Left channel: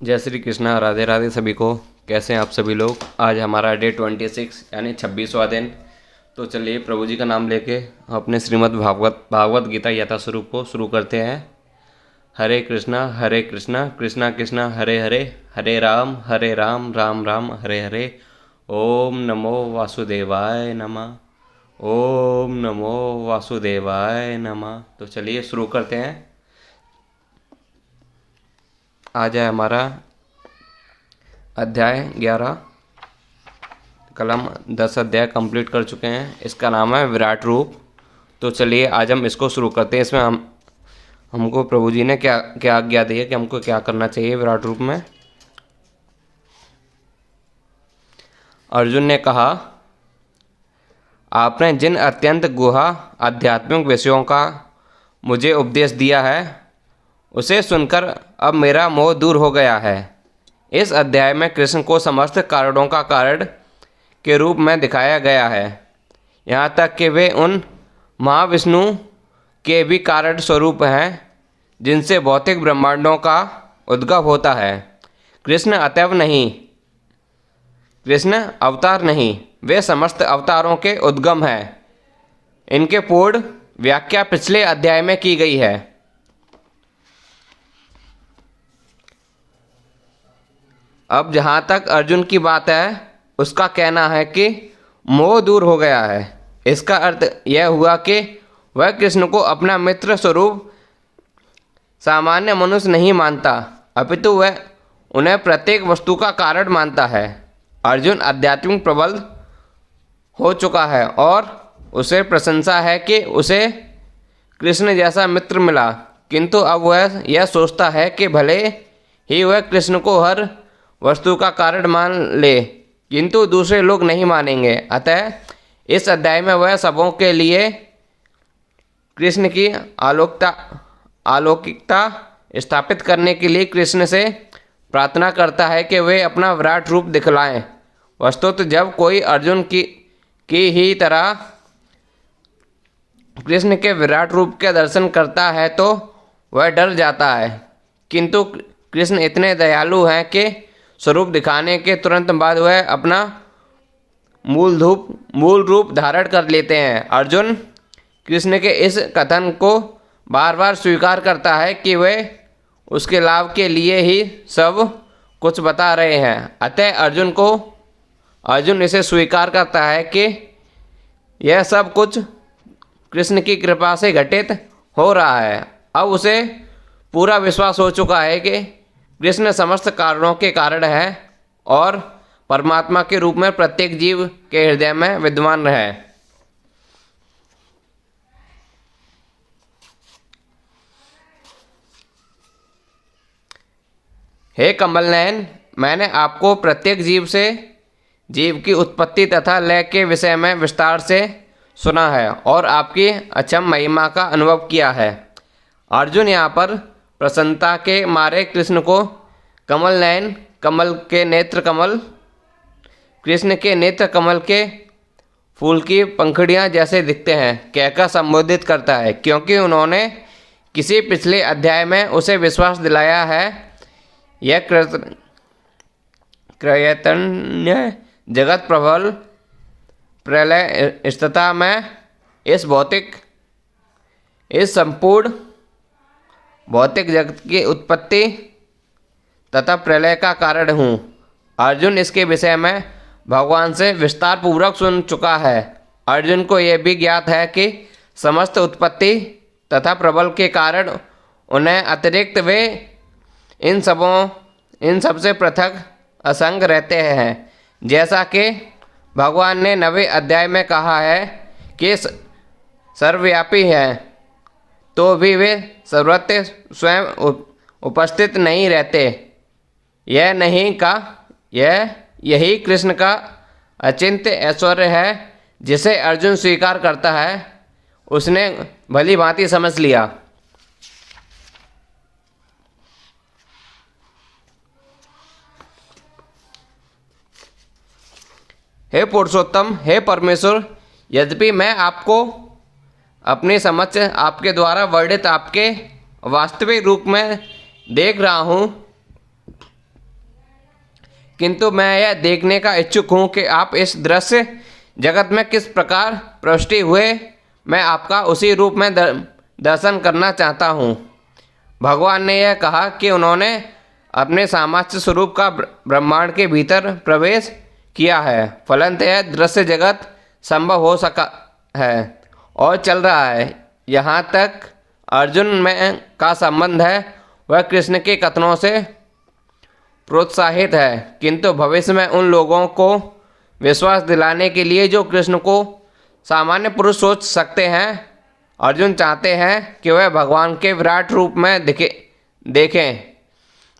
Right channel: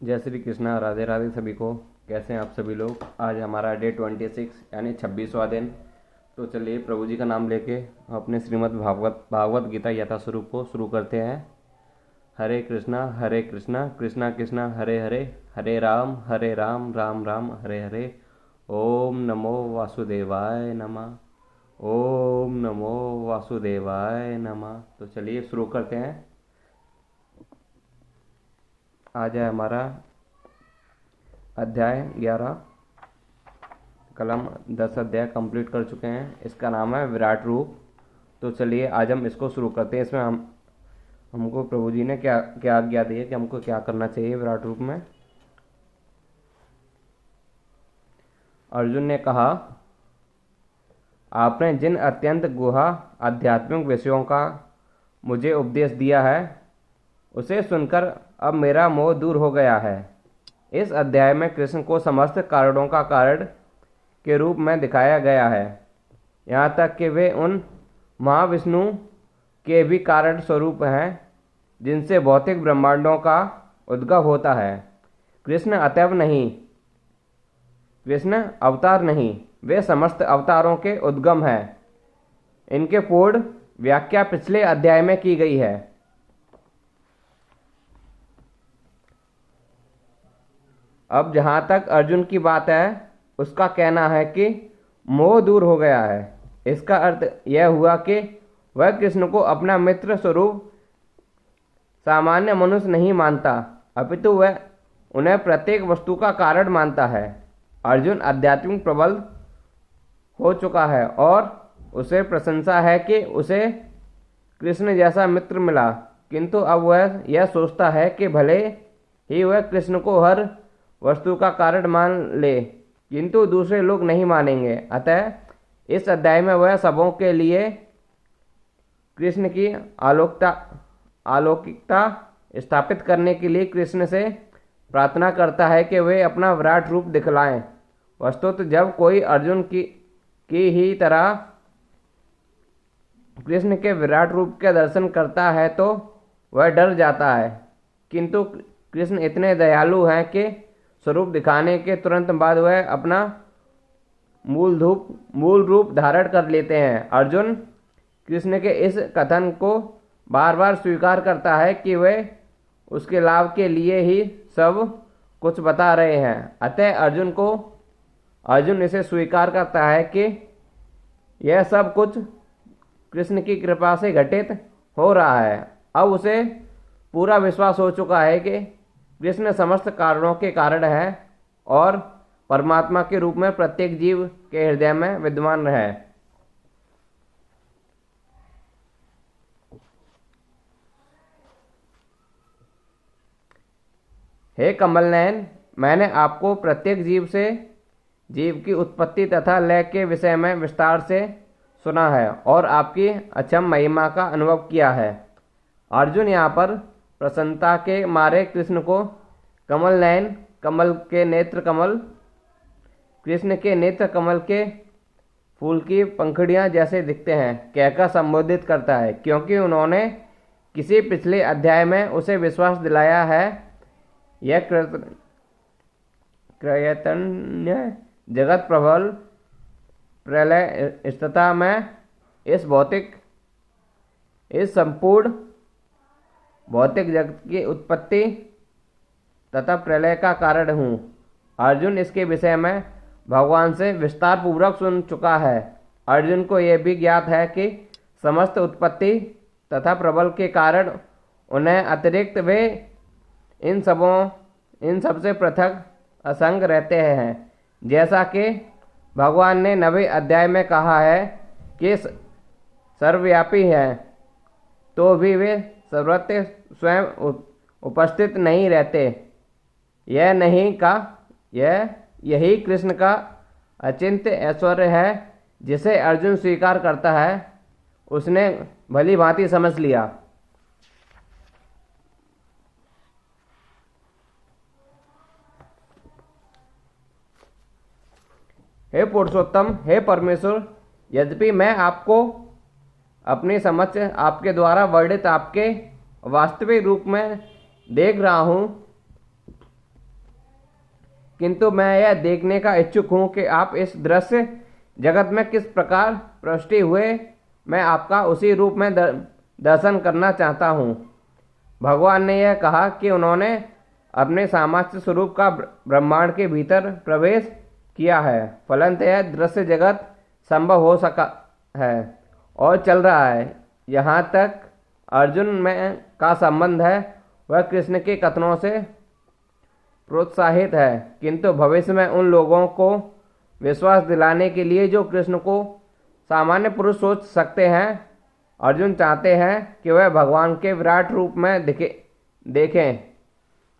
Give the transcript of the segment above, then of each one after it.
जय श्री कृष्णा, राधे राधे सभी को। कैसे हैं आप सभी लोग। आज हमारा डे 26 यानी 26वां दिन। तो चलिए प्रभु जी का नाम लेके अपने श्रीमद् भागवत गीता यथास्वरूप को शुरू करते हैं। हरे कृष्णा कृष्णा कृष्णा हरे हरे, हरे राम राम राम हरे हरे। ओम नमो वासुदेवाय नमः, ओम नमो वासुदेवाय नमः। तो चलिए शुरू करते हैं। आज है हमारा अध्याय 11। कल हम 10 अध्याय कंप्लीट कर चुके हैं। इसका नाम है विराट रूप। तो चलिए आज हम इसको शुरू करते हैं। इसमें हमको प्रभु जी ने क्या क्या आज्ञा दी है कि हमको क्या करना चाहिए विराट रूप में। अर्जुन ने कहा, आपने जिन अत्यंत गुहा आध्यात्मिक विषयों का मुझे उपदेश दिया है उसे सुनकर अब मेरा मोह दूर हो गया है। इस अध्याय में कृष्ण को समस्त कारणों का कारण के रूप में दिखाया गया है, यहाँ तक कि वे उन महाविष्णु के भी कारण स्वरूप हैं जिनसे भौतिक ब्रह्मांडों का उद्गम होता है। कृष्ण अवतार नहीं, वे समस्त अवतारों के उद्गम हैं। इनके पूर्ण व्याख्या पिछले अध्याय में की गई है। अब जहाँ तक अर्जुन की बात है, उसका कहना है कि मोह दूर हो गया है। इसका अर्थ यह हुआ कि वह कृष्ण को अपना मित्र स्वरूप सामान्य मनुष्य नहीं मानता, अपितु वह उन्हें प्रत्येक वस्तु का कारण मानता है। अर्जुन आध्यात्मिक प्रबल हो चुका है और उसे प्रशंसा है कि उसे कृष्ण जैसा मित्र मिला, किंतु अब वह यह सोचता है कि भले ही वह कृष्ण को हर वस्तु का कारण मान ले, किंतु दूसरे लोग नहीं मानेंगे। अतः इस अध्याय में वह सबों के लिए कृष्ण की अलौकिकता स्थापित करने के लिए कृष्ण से प्रार्थना करता है कि वे अपना विराट रूप दिखलाएं। वस्तुतः जब कोई अर्जुन की ही तरह कृष्ण के विराट रूप के दर्शन करता है तो वह डर जाता है, किंतु कृष्ण इतने दयालु हैं कि स्वरूप दिखाने के तुरंत बाद वह अपना मूल रूप धारण कर लेते हैं। अर्जुन कृष्ण के इस कथन को बार बार स्वीकार करता है कि वे उसके लाभ के लिए ही सब कुछ बता रहे हैं। अतः अर्जुन इसे स्वीकार करता है कि यह सब कुछ कृष्ण की कृपा से घटित हो रहा है। अब उसे पूरा विश्वास हो चुका है कि कृष्ण समस्त कारणों के कारण है और परमात्मा के रूप में प्रत्येक जीव के हृदय में विद्यमान है। हे कमल नयन, मैंने आपको प्रत्येक जीव की उत्पत्ति तथा लय के विषय में विस्तार से सुना है और आपकी अक्षम महिमा का अनुभव किया है। अर्जुन यहाँ पर प्रसन्नता के मारे कृष्ण को कमल नयन, कृष्ण के नेत्र कमल के फूल की पंखुड़ियाँ जैसे दिखते हैं कहकर संबोधित करता है, क्योंकि उन्होंने किसी पिछले अध्याय में उसे विश्वास दिलाया है। यह क्रयतन्य जगत प्रबल प्रलय स्थिति में इस संपूर्ण भौतिक जगत की उत्पत्ति तथा प्रलय का कारण हूँ। अर्जुन इसके विषय में भगवान से विस्तार पूर्वक सुन चुका है। अर्जुन को यह भी ज्ञात है कि समस्त उत्पत्ति तथा प्रबल के कारण उन्हें अतिरिक्त वे इन सबसे पृथक असंग रहते हैं। जैसा कि भगवान ने 9वें अध्याय में कहा है कि सर्वव्यापी हैं, तो भी वे सर्वत्र स्वयं उपस्थित नहीं रहते। यही कृष्ण का अचिंत्य ऐश्वर्य है, जिसे अर्जुन स्वीकार करता है। उसने भली भांति समझ लिया। हे पुरुषोत्तम, हे परमेश्वर, यद्यपि मैं आपको अपने समक्ष आपके द्वारा वर्णित आपके वास्तविक रूप में देख रहा हूँ, किंतु मैं यह देखने का इच्छुक हूँ कि आप इस दृश्य जगत में किस प्रकार प्रविष्ट हुए। मैं आपका उसी रूप में दर्शन करना चाहता हूँ। भगवान ने यह कहा कि उन्होंने अपने सामान्य स्वरूप का ब्रह्मांड के भीतर प्रवेश किया है, फलतः यह दृश्य जगत संभव हो सका है और चल रहा है। यहाँ तक अर्जुन में का संबंध है वह कृष्ण के कथनों से प्रोत्साहित है, किंतु भविष्य में उन लोगों को विश्वास दिलाने के लिए जो कृष्ण को सामान्य पुरुष सोच सकते हैं, अर्जुन चाहते हैं कि वह भगवान के विराट रूप में देखें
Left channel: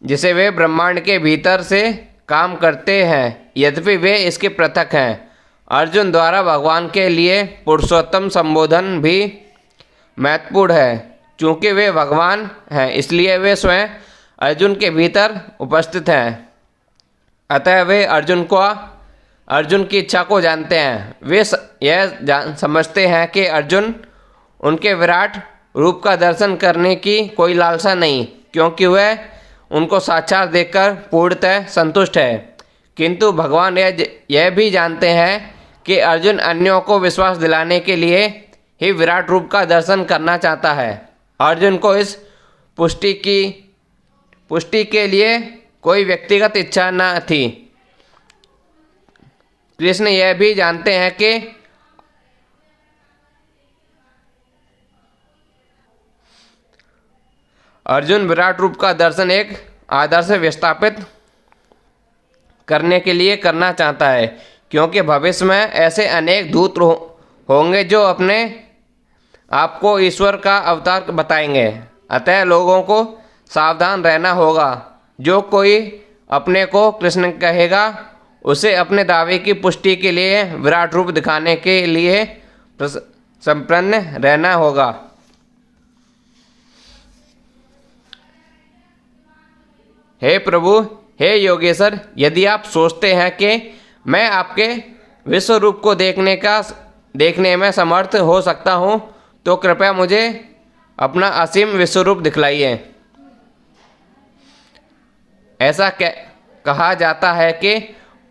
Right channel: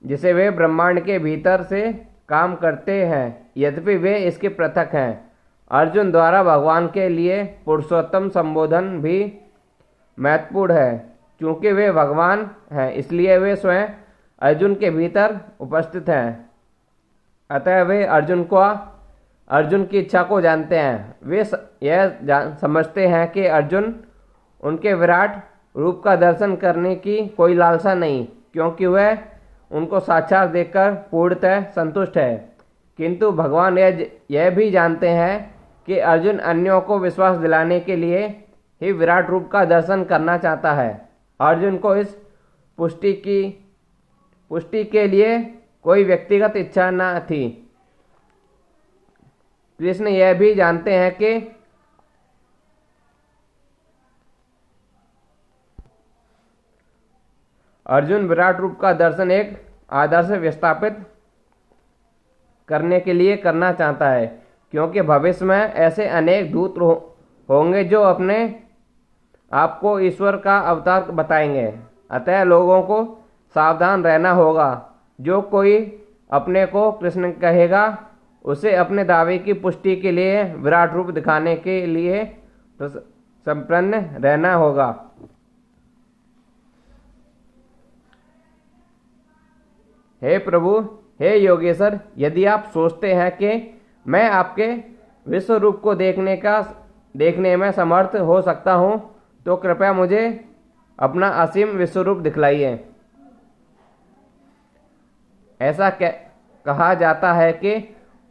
जिसे वे ब्रह्मांड के भीतर से काम करते हैं, यद्यपि वे इसके पृथक हैं। अर्जुन द्वारा भगवान के लिए पुरुषोत्तम संबोधन भी महत्वपूर्ण है। चूँकि वे भगवान हैं इसलिए वे स्वयं अर्जुन के भीतर उपस्थित हैं, अतः वे अर्जुन की इच्छा को जानते हैं। वे यह समझते हैं कि अर्जुन उनके विराट रूप का दर्शन करने की कोई लालसा नहीं, क्योंकि वह उनको साक्षात देखकर पूर्णतः संतुष्ट है। किंतु भगवान यह भी जानते हैं कि अर्जुन अन्यों को विश्वास दिलाने के लिए ही विराट रूप का दर्शन करना चाहता है। अर्जुन को इस पुष्टि के लिए कोई व्यक्तिगत इच्छा न थी। कृष्ण यह भी जानते हैं कि अर्जुन विराट रूप का दर्शन एक आदर्श विस्थापित करने के लिए करना चाहता है, क्योंकि भविष्य में ऐसे अनेक दूत होंगे जो अपने आप को ईश्वर का अवतार बताएंगे। अतः लोगों को सावधान रहना होगा। जो कोई अपने को कृष्ण कहेगा उसे अपने दावे की पुष्टि के लिए विराट रूप दिखाने के लिए संपन्न रहना होगा। हे प्रभु, हे योगेश्वर, यदि आप सोचते हैं कि मैं आपके विश्व रूप को देखने में समर्थ हो सकता हूँ, तो कृपया मुझे अपना असीम विश्व रूप दिखलाइए। ऐसा कहा जाता है कि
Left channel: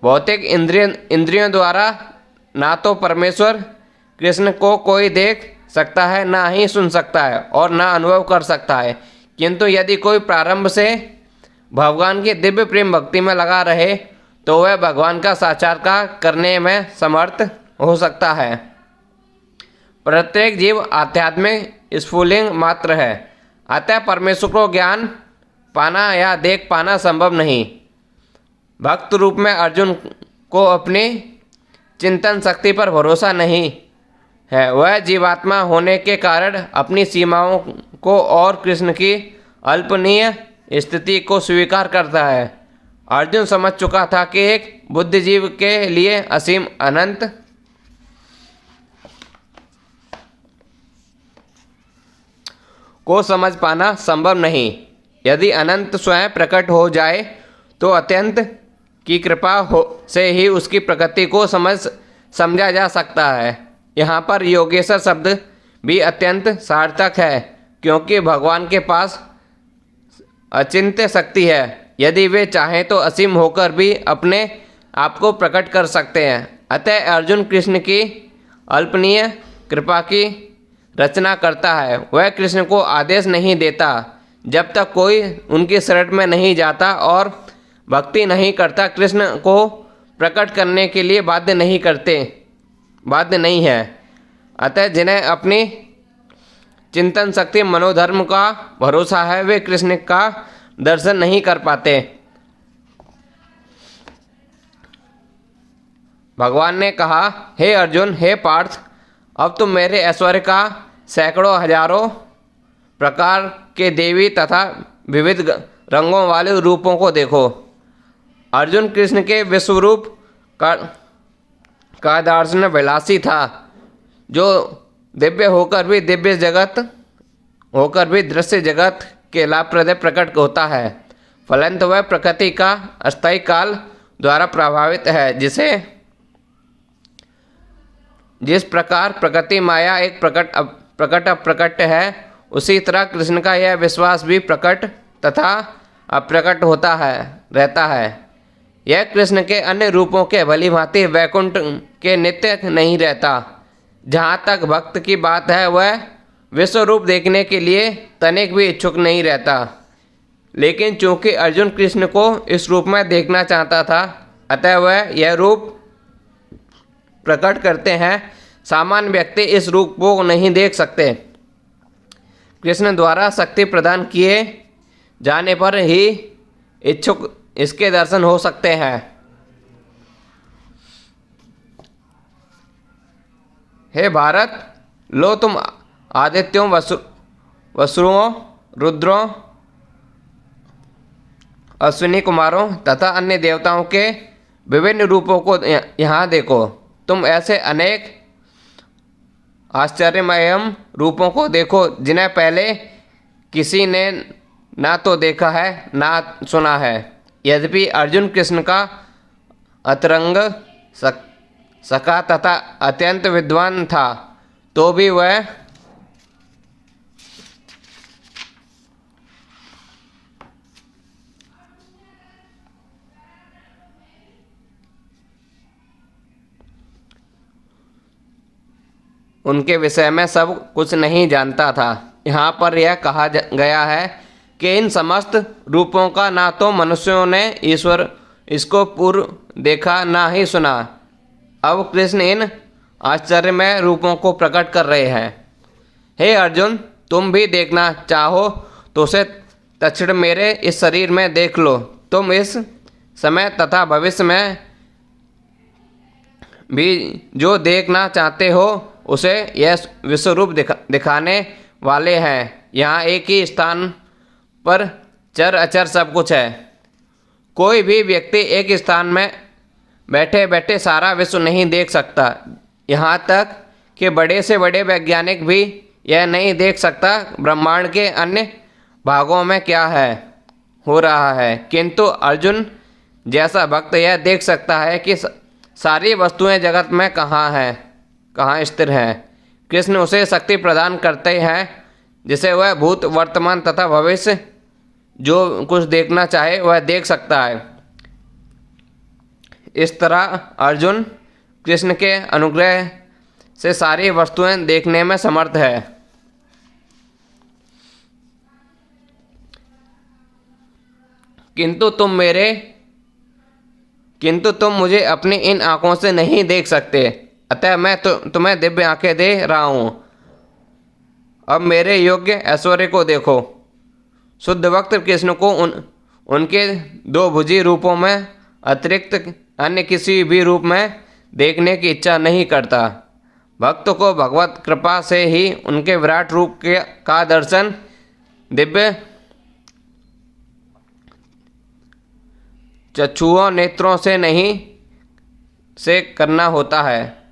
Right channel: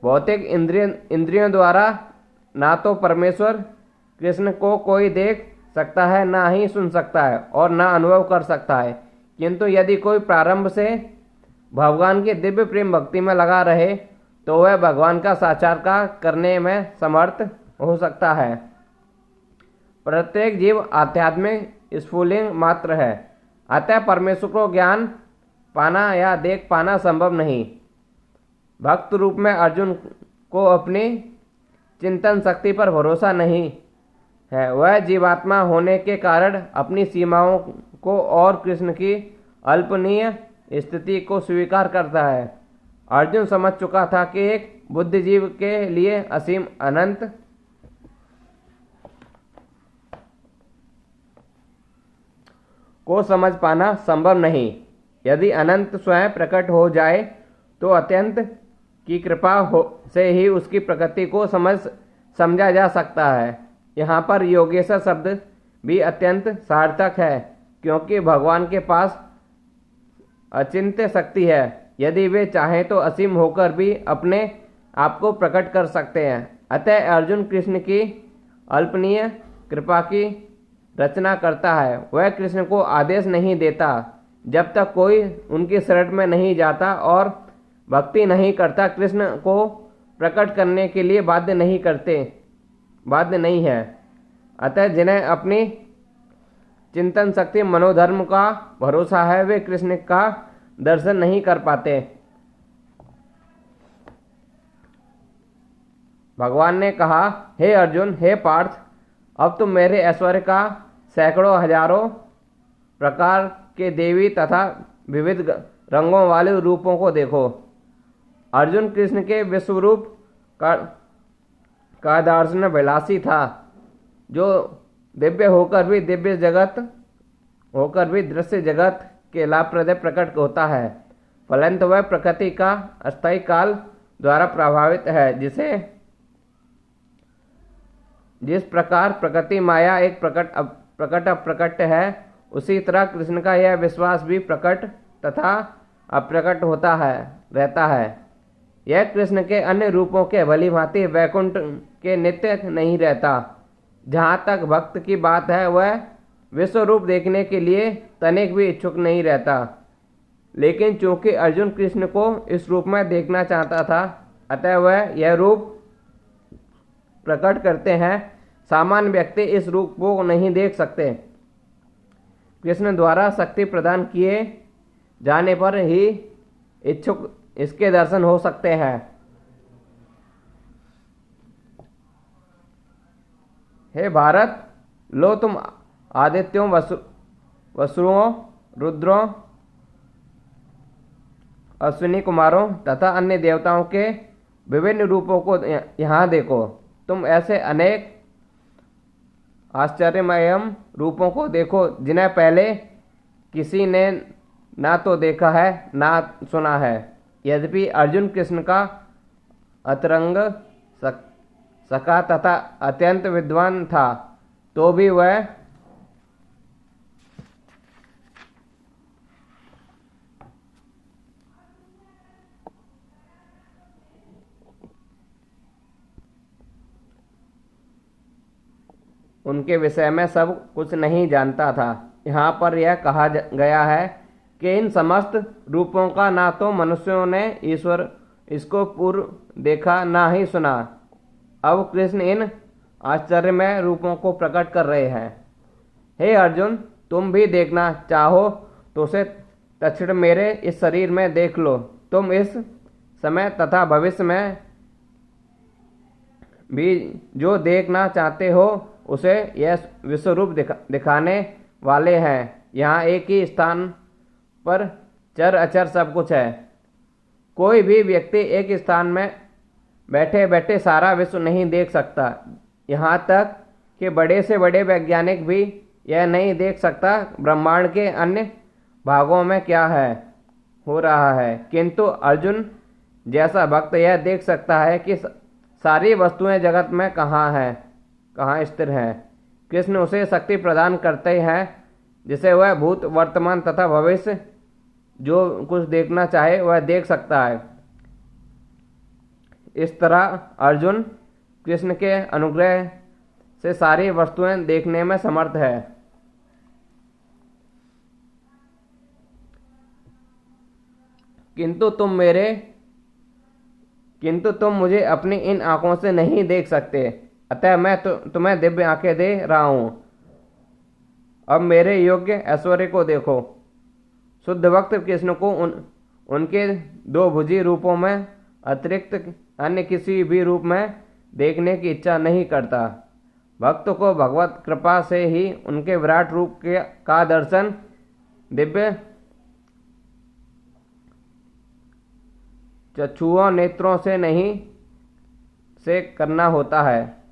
भौतिक इंद्रियों द्वारा ना तो परमेश्वर कृष्ण को कोई देख सकता है, ना ही सुन सकता है और ना अनुभव कर सकता है। किंतु यदि कोई प्रारंभ से भगवान की दिव्य प्रेम भक्ति में लगा रहे तो वह भगवान का साक्षात्कार करने में समर्थ हो सकता है। प्रत्येक जीव आध्यात्मिक स्फुलिंग मात्र है, अतः परमेश्वर को ज्ञान पाना या देख पाना संभव नहीं। भक्त रूप में अर्जुन को अपनी चिंतन शक्ति पर भरोसा नहीं है। वह जीवात्मा होने के कारण अपनी सीमाओं को और कृष्ण की अल्पनीय स्थिति को स्वीकार करता है। अर्जुन समझ चुका था कि एक बुद्धिजीव के लिए असीम अनंत को समझ पाना संभव नहीं। यदि अनंत स्वयं प्रकट हो जाए तो अत्यंत की कृपा से ही उसकी प्रकृति को समझा जा सकता है। यहाँ पर योगेश्वर शब्द भी अत्यंत सार्थक है, क्योंकि भगवान के पास अचिंत्य शक्ति है। यदि वे चाहें तो असीम होकर भी अपने आप को प्रकट कर सकते हैं। अतः अर्जुन कृष्ण की अल्पनीय कृपा की रचना करता है। वह कृष्ण को आदेश नहीं देता जब तक कोई उनकी शरण में नहीं जाता और भक्ति नहीं करता। कृष्ण को प्रकट करने के लिए बाध्य नहीं है। अतः जिन्हें अपनी चिंतन शक्ति मनोधर्म का भरोसा है वे कृष्ण का दर्शन नहीं कर पाते। भगवान ने कहा, हे अर्जुन, हे पार्थ, अब तुम मेरे ऐश्वर्य का सैकड़ों हजारों प्रकार के देवी तथा विविध रंगों वाले रूपों को देखो। अर्जुन कृष्ण के विश्वरूप का दर्शन विलासी था, जो दिव्य होकर भी दृश्य जगत के लाभप्रद प्रकट होता है। फलंत वह प्रकृति का अस्थायी काल द्वारा प्रभावित है। जिस प्रकार प्रकृति माया एक प्रकट अप्रकट है, उसी तरह कृष्ण का यह विश्वास भी प्रकट तथा अप्रकट रहता है। यह कृष्ण के अन्य रूपों के भली भांति वैकुंठ के नित्य नहीं रहता। जहाँ तक भक्त की बात है, वह विश्व रूप देखने के लिए तनिक भी इच्छुक नहीं रहता। लेकिन चूंकि अर्जुन कृष्ण को इस रूप में देखना चाहता था, अतः वह यह रूप प्रकट करते हैं। सामान्य व्यक्ति इस रूप को नहीं देख सकते। कृष्ण द्वारा शक्ति प्रदान किए जाने पर ही इच्छुक इसके दर्शन हो सकते हैं। हे भारत, लो तुम आदित्यों, वसुओं, रुद्रों, अश्विनी कुमारों तथा अन्य देवताओं के विभिन्न रूपों को यहाँ देखो। तुम ऐसे अनेक आश्चर्यमय रूपों को देखो जिन्हें पहले किसी ने ना तो देखा है ना सुना है। यद्यपि अर्जुन कृष्ण का अतरंग सखा तथा अत्यंत विद्वान था, तो भी वह उनके विषय में सब कुछ नहीं जानता था। यहाँ पर यह कहा गया है कि इन समस्त रूपों का ना तो मनुष्यों ने ईश्वर इसको पूर्व देखा ना ही सुना। अब कृष्ण इन आश्चर्यमय रूपों को प्रकट कर रहे हैं। हे अर्जुन, तुम भी देखना चाहो तो उसे तत्क्षण मेरे इस शरीर में देख लो। तुम इस समय तथा भविष्य में भी जो देखना चाहते हो उसे यह विश्वरूप दिखाने वाले हैं। यहाँ एक ही स्थान पर चर अचर सब कुछ है। कोई भी व्यक्ति एक स्थान में बैठे बैठे सारा विश्व नहीं देख सकता। यहाँ तक कि बड़े से बड़े वैज्ञानिक भी यह नहीं देख सकता ब्रह्मांड के अन्य भागों में क्या है हो रहा है। किंतु अर्जुन जैसा भक्त यह देख सकता है कि सारी वस्तुएं जगत में कहाँ स्थिर हैं। कृष्ण उसे शक्ति प्रदान करते हैं जिसे वह भूत, वर्तमान तथा भविष्य जो कुछ देखना चाहे वह देख सकता है। इस तरह अर्जुन कृष्ण के अनुग्रह से सारी वस्तुएं देखने में समर्थ है। किंतु तुम मुझे अपनी इन आंखों से नहीं देख सकते, अतः मैं तुम्हें दिव्य आंखें दे रहा हूं। अब मेरे योग्य ऐश्वर्य को देखो। शुद्ध भक्त कृष्ण को उनके दो भुजी रूपों में अतिरिक्त अन्य किसी भी रूप में देखने की इच्छा नहीं करता। भक्त को भगवत कृपा से ही उनके विराट रूप का दर्शन दिव्य चक्षुओं नेत्रों से करना होता है,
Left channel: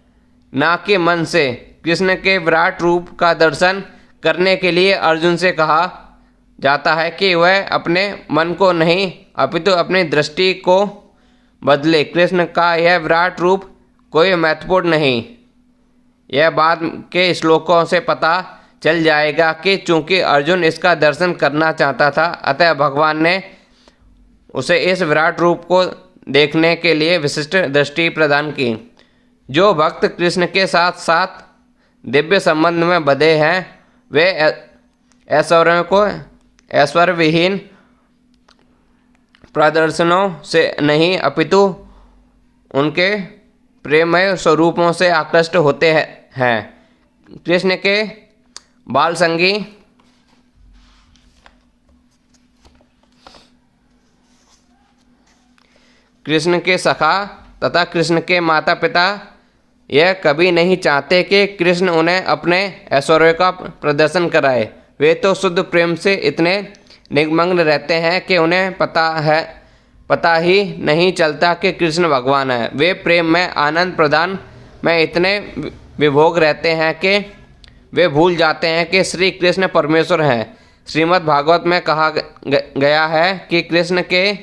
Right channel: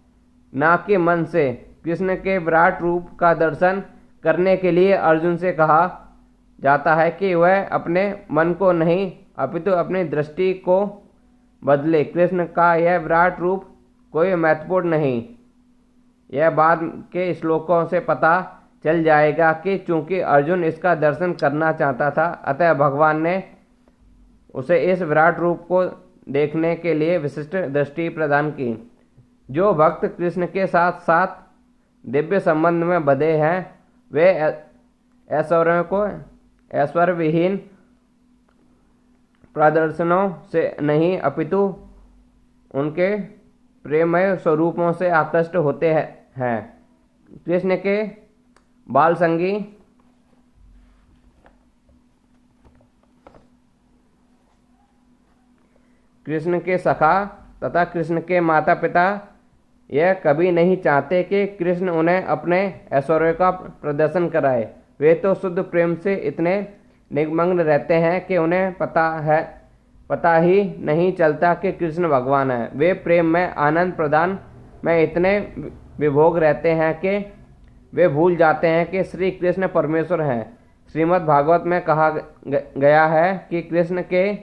ना कि मन से। कृष्ण के विराट रूप का दर्शन करने के लिए अर्जुन से कहा जाता है कि वह अपने मन को नहीं अपितु अपनी दृष्टि को बदले। कृष्ण का यह विराट रूप कोई महत्वपूर्ण नहीं। यह बाद के श्लोकों से पता चल जाएगा कि चूंकि अर्जुन इसका दर्शन करना चाहता था, अतः भगवान ने उसे इस विराट रूप को देखने के लिए विशिष्ट दृष्टि प्रदान की। जो भक्त कृष्ण के साथ साथ दिव्य संबंध में बंधे हैं, वे ऐश्वर्यों को ऐश्वर्य विहीन प्रदर्शनों से नहीं अपितु उनके प्रेममय स्वरूपों से आकृष्ट होते हैं। कृष्ण के बाल संगी कृष्ण के सखा तथा कृष्ण के माता पिता यह कभी नहीं चाहते कि कृष्ण उन्हें अपने ऐश्वर्य का प्रदर्शन कराए। वे तो शुद्ध प्रेम से इतने निमग्न रहते हैं कि उन्हें पता ही नहीं चलता कि कृष्ण भगवान है। वे प्रेम में आनंद प्रदान में इतने विभोग रहते हैं कि वे भूल जाते हैं कि श्री कृष्ण परमेश्वर हैं। श्रीमद् भागवत में कहा गया है कि कृष्ण के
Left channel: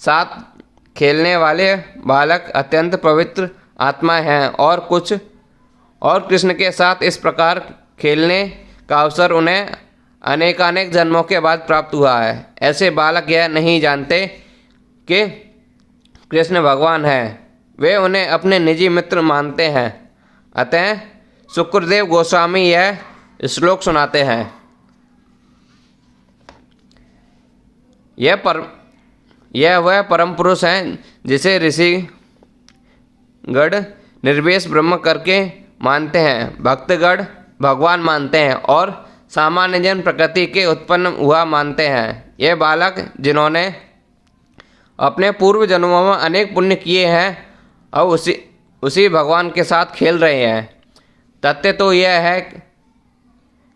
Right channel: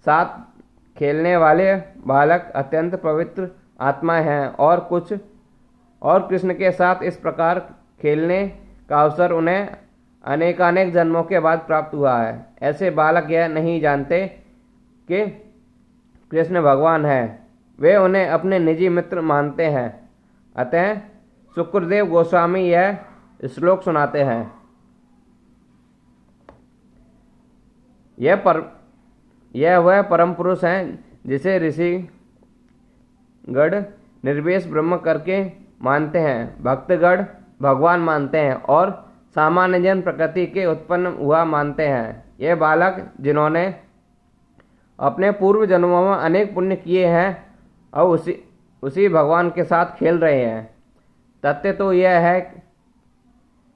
साथ खेलने वाले बालक अत्यंत पवित्र आत्मा हैं और कृष्ण के साथ इस प्रकार खेलने का अवसर उन्हें अनेकानेक जन्मों के बाद प्राप्त हुआ है। ऐसे बालक यह नहीं जानते कि कृष्ण भगवान है, वे उन्हें अपने निजी मित्र मानते हैं। अतः शुक्रदेव गोस्वामी यह श्लोक सुनाते हैं। यह वह परम पुरुष हैं जिसे ऋषि गण निर्वेश ब्रह्म करके मानते हैं, भक्तगण भगवान मानते हैं और सामान्य जन प्रकृति के उत्पन्न हुआ मानते हैं। ये बालक जिन्होंने अपने पूर्व जन्मों में अनेक पुण्य किए हैं अब उसी भगवान के साथ खेल रहे हैं। तथ्य तो यह है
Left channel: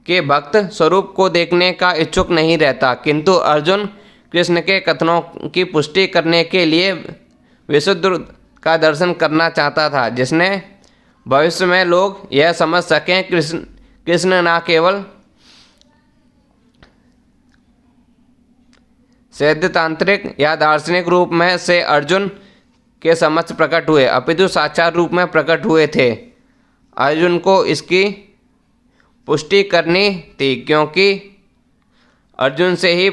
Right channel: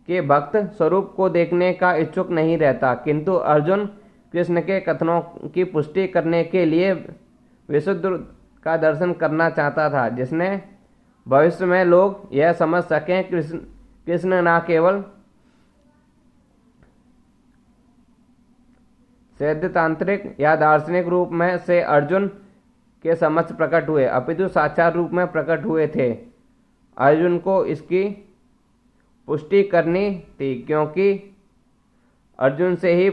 कि भक्त स्वरूप को देखने का इच्छुक नहीं रहता, किंतु अर्जुन कृष्ण के कथनों की पुष्टि करने के लिए विशुद्ध का दर्शन करना चाहता था, जिसने भविष्य में लोग यह समझ सकें कृष्ण न केवल सैद्धांतिक या दार्शनिक रूप में से अर्जुन के समक्ष प्रकट हुए, अपितु साक्षात रूप में प्रकट हुए थे। अर्जुन को इसकी पुष्टि करनी थी, क्योंकि अर्जुन से ही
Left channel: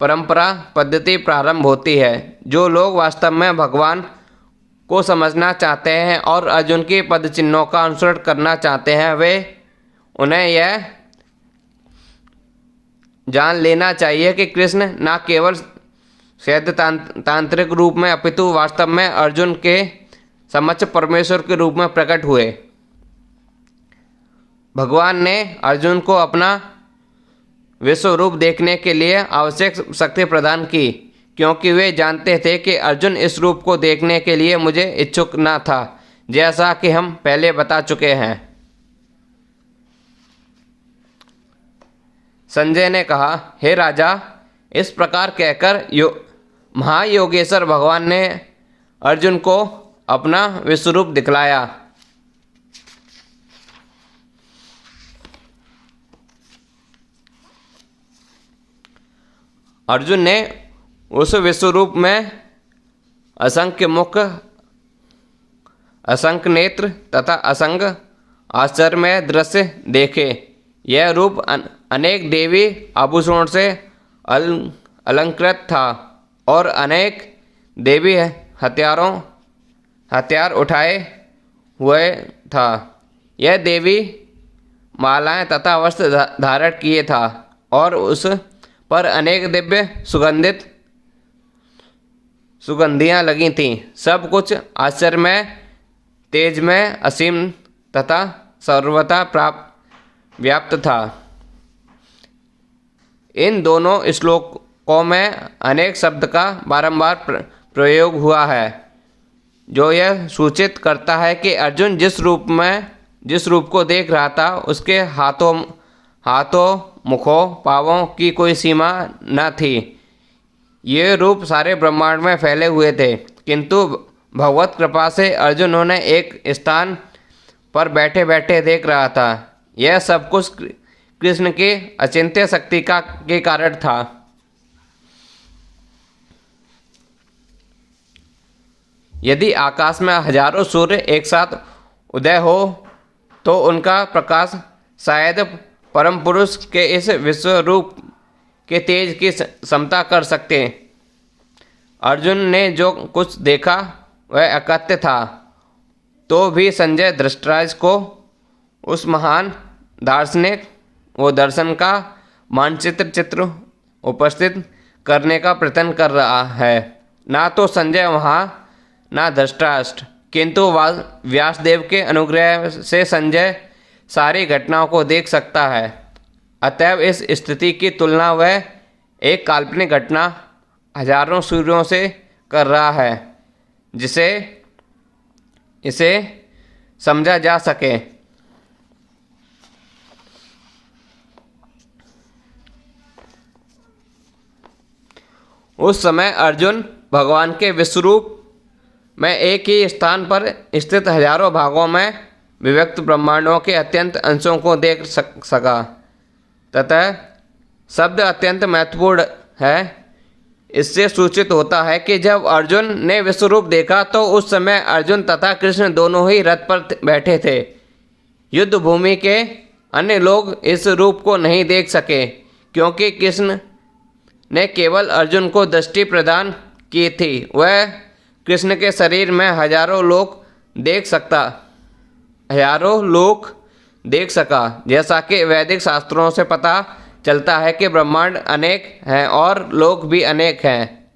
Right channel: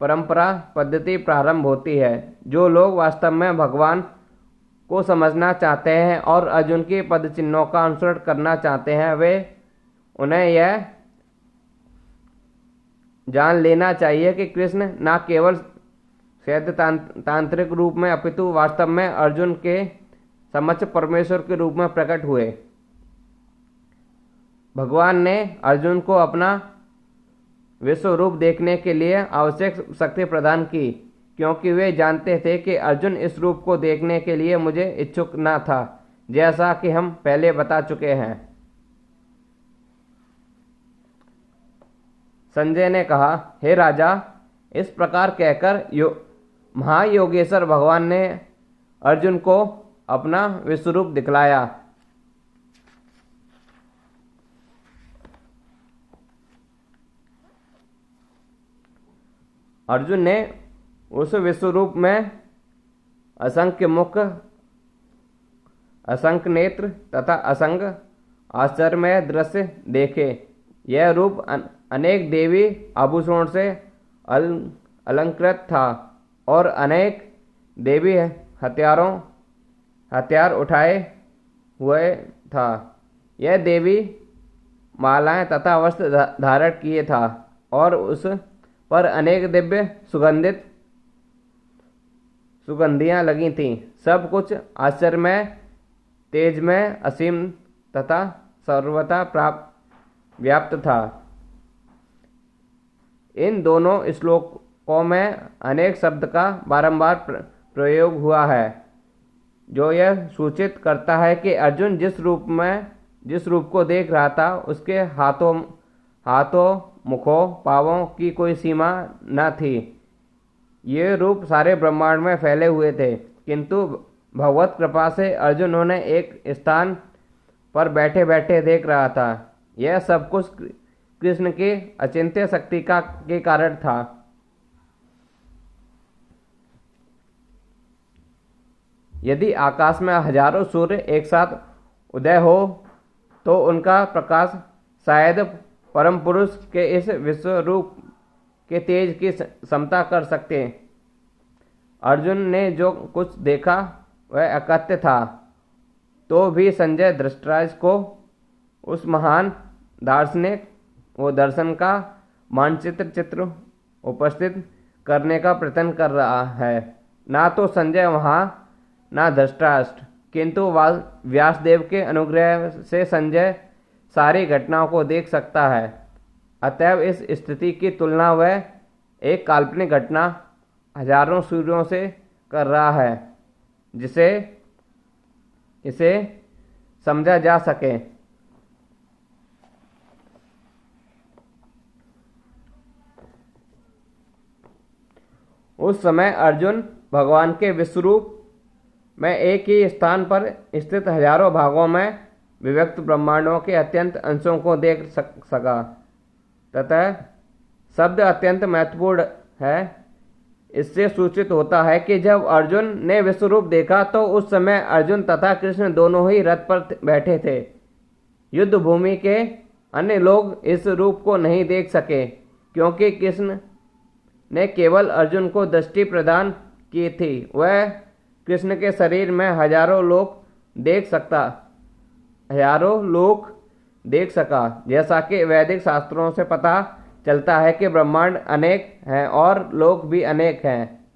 परंपरा पद्धति प्रारंभ होती है। जो लोग वास्तव में भगवान को समझना चाहते हैं और अर्जुन की पद चिन्हों का अनुसरण करना चाहते हैं, वे उन्हें यह जान लेना चाहिए कि कृष्ण न केवल सैद्धांतिक रूप में अपितु वास्तव में अर्जुन के समक्ष परमेश्वर के रूप में प्रकट हुए। भगवान ने अर्जुन को अपना विश्व रूप देखने के लिए आवश्यक शक्ति प्रदान की, क्योंकि वे जानते थे कि अर्जुन इस रूप को देखने के लिए मुझे इच्छुक न था, जैसा कि हम पहले बता चुके हैं। संजय ने कहा, हे राजा, इस प्रकार कहकर महायोगेश्वर भगवान ने अर्जुन को अपना विश्वरूप दिखलाया। अर्जुन ने उस विश्वरूप में असंख्य मुख, असंख्य नेत्र तथा असंख्य आश्चर्यमय दृश्य देखे। यह रूप अनेक देवी आभूषणों से अलंकृत था और अनेक देवी हथियार उठाए हुए था। यह देवी मालाएं तथा वस्त्र धारण किए था और उस पर अनेक दिव्य सुगंधियां लगी थीं। सब कुछ आश्चर्यमय, तेजमय, असीम तथा सर्वथा व्याप्त था। इन दोनों श्लोकों में अनेक शब्द का बारंबार प्रयोग हुआ है, जो यह सूचित करता है कि अर्जुन जिस रूप को देख रहा था, उसके हाथों मुखों पांवों की कोई सीमा न थी। ये रूप सारे ब्रह्मांड में फैले हुए थे, किंतु भगवत कृपा से अर्जुन उन्हें एक स्थान पर बैठे बैठे देख रहा था। यह सब कुछ कृष्ण की अचिंत्य शक्ति के कारण था। यदि आकाश में हजारों सूर्य एक साथ उदय हो तो उनका प्रकाश शायद परम पुरुष के इस विश्व रूप के तेज की क्षमता कर सकते। अर्जुन ने जो कुछ देखा वह अकथ्य था, तो भी संजय धृतराज को उस महान दार्शनिक वो दर्शन का चित्र उपस्थित करने का प्रयत्न कर रहा है। ना तो संजय वहाँ ना धृतराष्ट्र, किंतु व्यासदेव के अनुग्रह से संजय सारी घटनाओं को देख सकता है। अतएव इस स्थिति की तुलना वह एक काल्पनिक घटना हजारों सूर्यों से कर रहा है, जिसे इसे समझा जा सके। उस समय अर्जुन भगवान के विश्वरूप में एक ही स्थान पर स्थित हजारों भागों में विभक्त ब्रह्मांडों के अत्यंत अंशों को देख सका। तथा शब्द अत्यंत महत्वपूर्ण है। इससे सूचित होता है कि जब अर्जुन ने विश्वरूप देखा तो उस समय अर्जुन तथा कृष्ण दोनों ही रथ पर बैठे थे। युद्ध भूमि के अन्य लोग इस रूप को नहीं देख सके, क्योंकि कृष्ण ने केवल अर्जुन को दृष्टि प्रदान की थी। वह कृष्ण के शरीर में हजारों लोग देख सका। जैसा कि वैदिक शास्त्रों से पता चलता है कि ब्रह्मांड अनेक हैं और लोक भी अनेक हैं।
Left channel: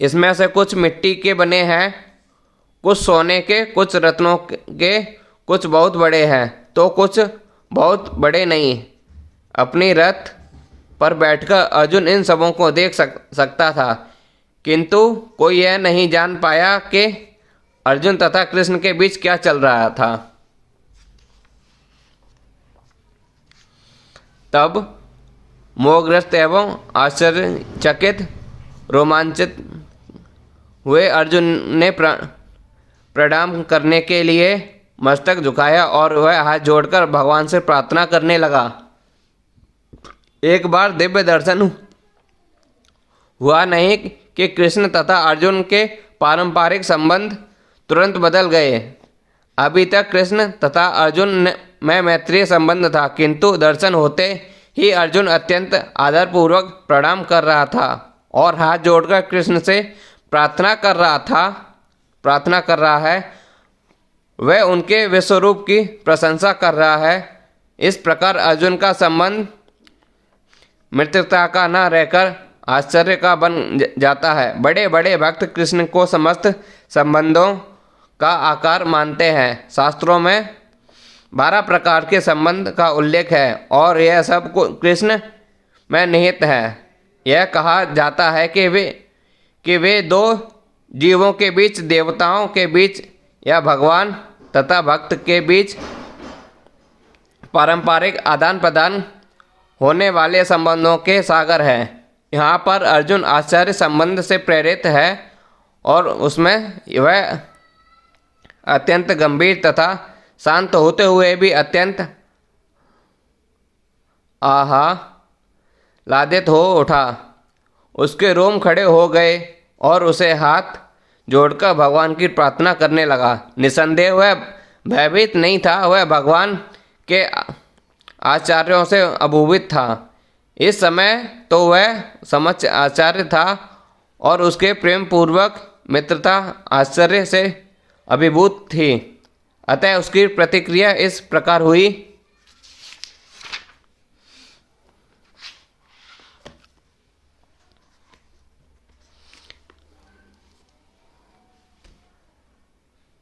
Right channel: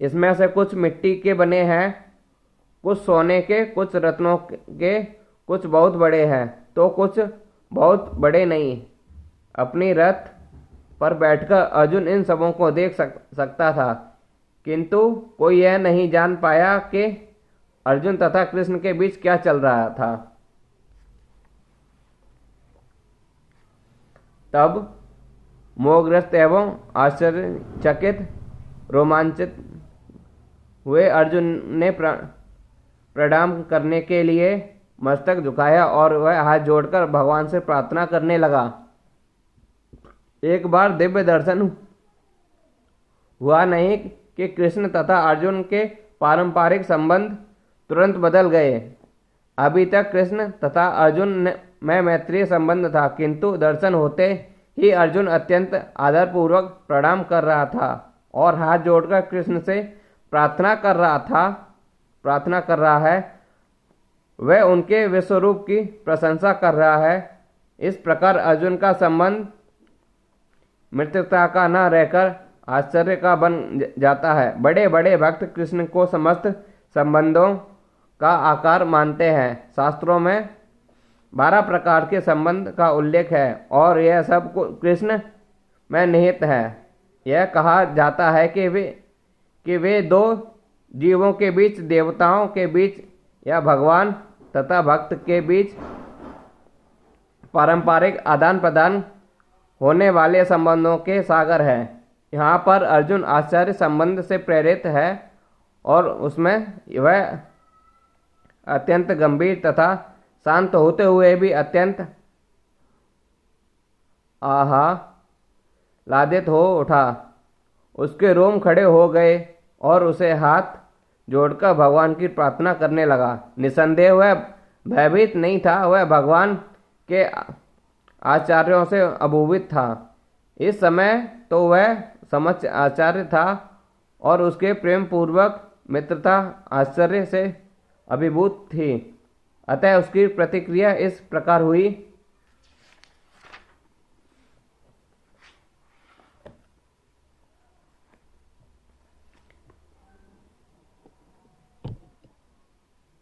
इसमें से कुछ मिट्टी के बने हैं, कुछ सोने के, कुछ रत्नों के, कुछ बहुत बड़े हैं तो कुछ बहुत बड़े नहीं। अपनी रथ पर बैठकर अर्जुन इन सबों को देख सकता था, किंतु कोई यह नहीं जान पाया कि अर्जुन तथा कृष्ण के बीच क्या चल रहा था। तब मोहग्रस्त एवं आश्चर्यचकित रोमांचित हुए अर्जुन ने प्रणाम करने के लिए मस्तक झुकाया और वह हाथ जोड़कर भगवान से प्रार्थना करने लगा। एक बार दिव्य दर्शन हुआ नहीं कि कृष्ण तथा अर्जुन के पारंपरिक संबंध तुरंत बदल गए। अभी तक कृष्ण तथा अर्जुन में मैत्रीय संबंध था, किंतु दर्शन होते ही अर्जुन अत्यंत आदरपूर्वक प्रणाम कर रहा था और हाथ जोड़कर कृष्ण से प्रार्थना कर रहा है। वह उनके विश्वरूप की प्रशंसा कर रहा है। इस प्रकार अर्जुन का संबंध मित्रता का न रहकर आश्चर्य का बन जाता है। बड़े बड़े भक्त कृष्ण को समस्त संबंधों का आकार मानते हैं। शास्त्रों में 12 प्रकार के संबंध का उल्लेख है और यह सब कृष्ण में निहित है। यह कहा जाता है कि वे दो जीवों के बीच, देवताओं के बीच या भगवान तथा भक्त के बीच पारंपरिक आदान प्रदान होने वाले संबंधों के सागर हैं। यहाँ पर अर्जुन आचार्य संबंध से प्रेरित है और उसमें वह अत्यंत गंभीर तथा शांत होते हुए भी अत्यंत आह्लादित हो उठा। उसके रोम खड़े हो गए और उसे हाथ जोड़कर भगवान की प्रार्थना करने लगा। निसंदेह वह भयभीत नहीं था, वह भगवान के आचार्यों से अभिभूत था। इस समय तो वह समक्ष आचार्य था और उसके प्रेम पूर्वक मित्रता आश्चर्य से अभिभूत थी। अतः उसकी प्रतिक्रिया इस प्रकार हुई।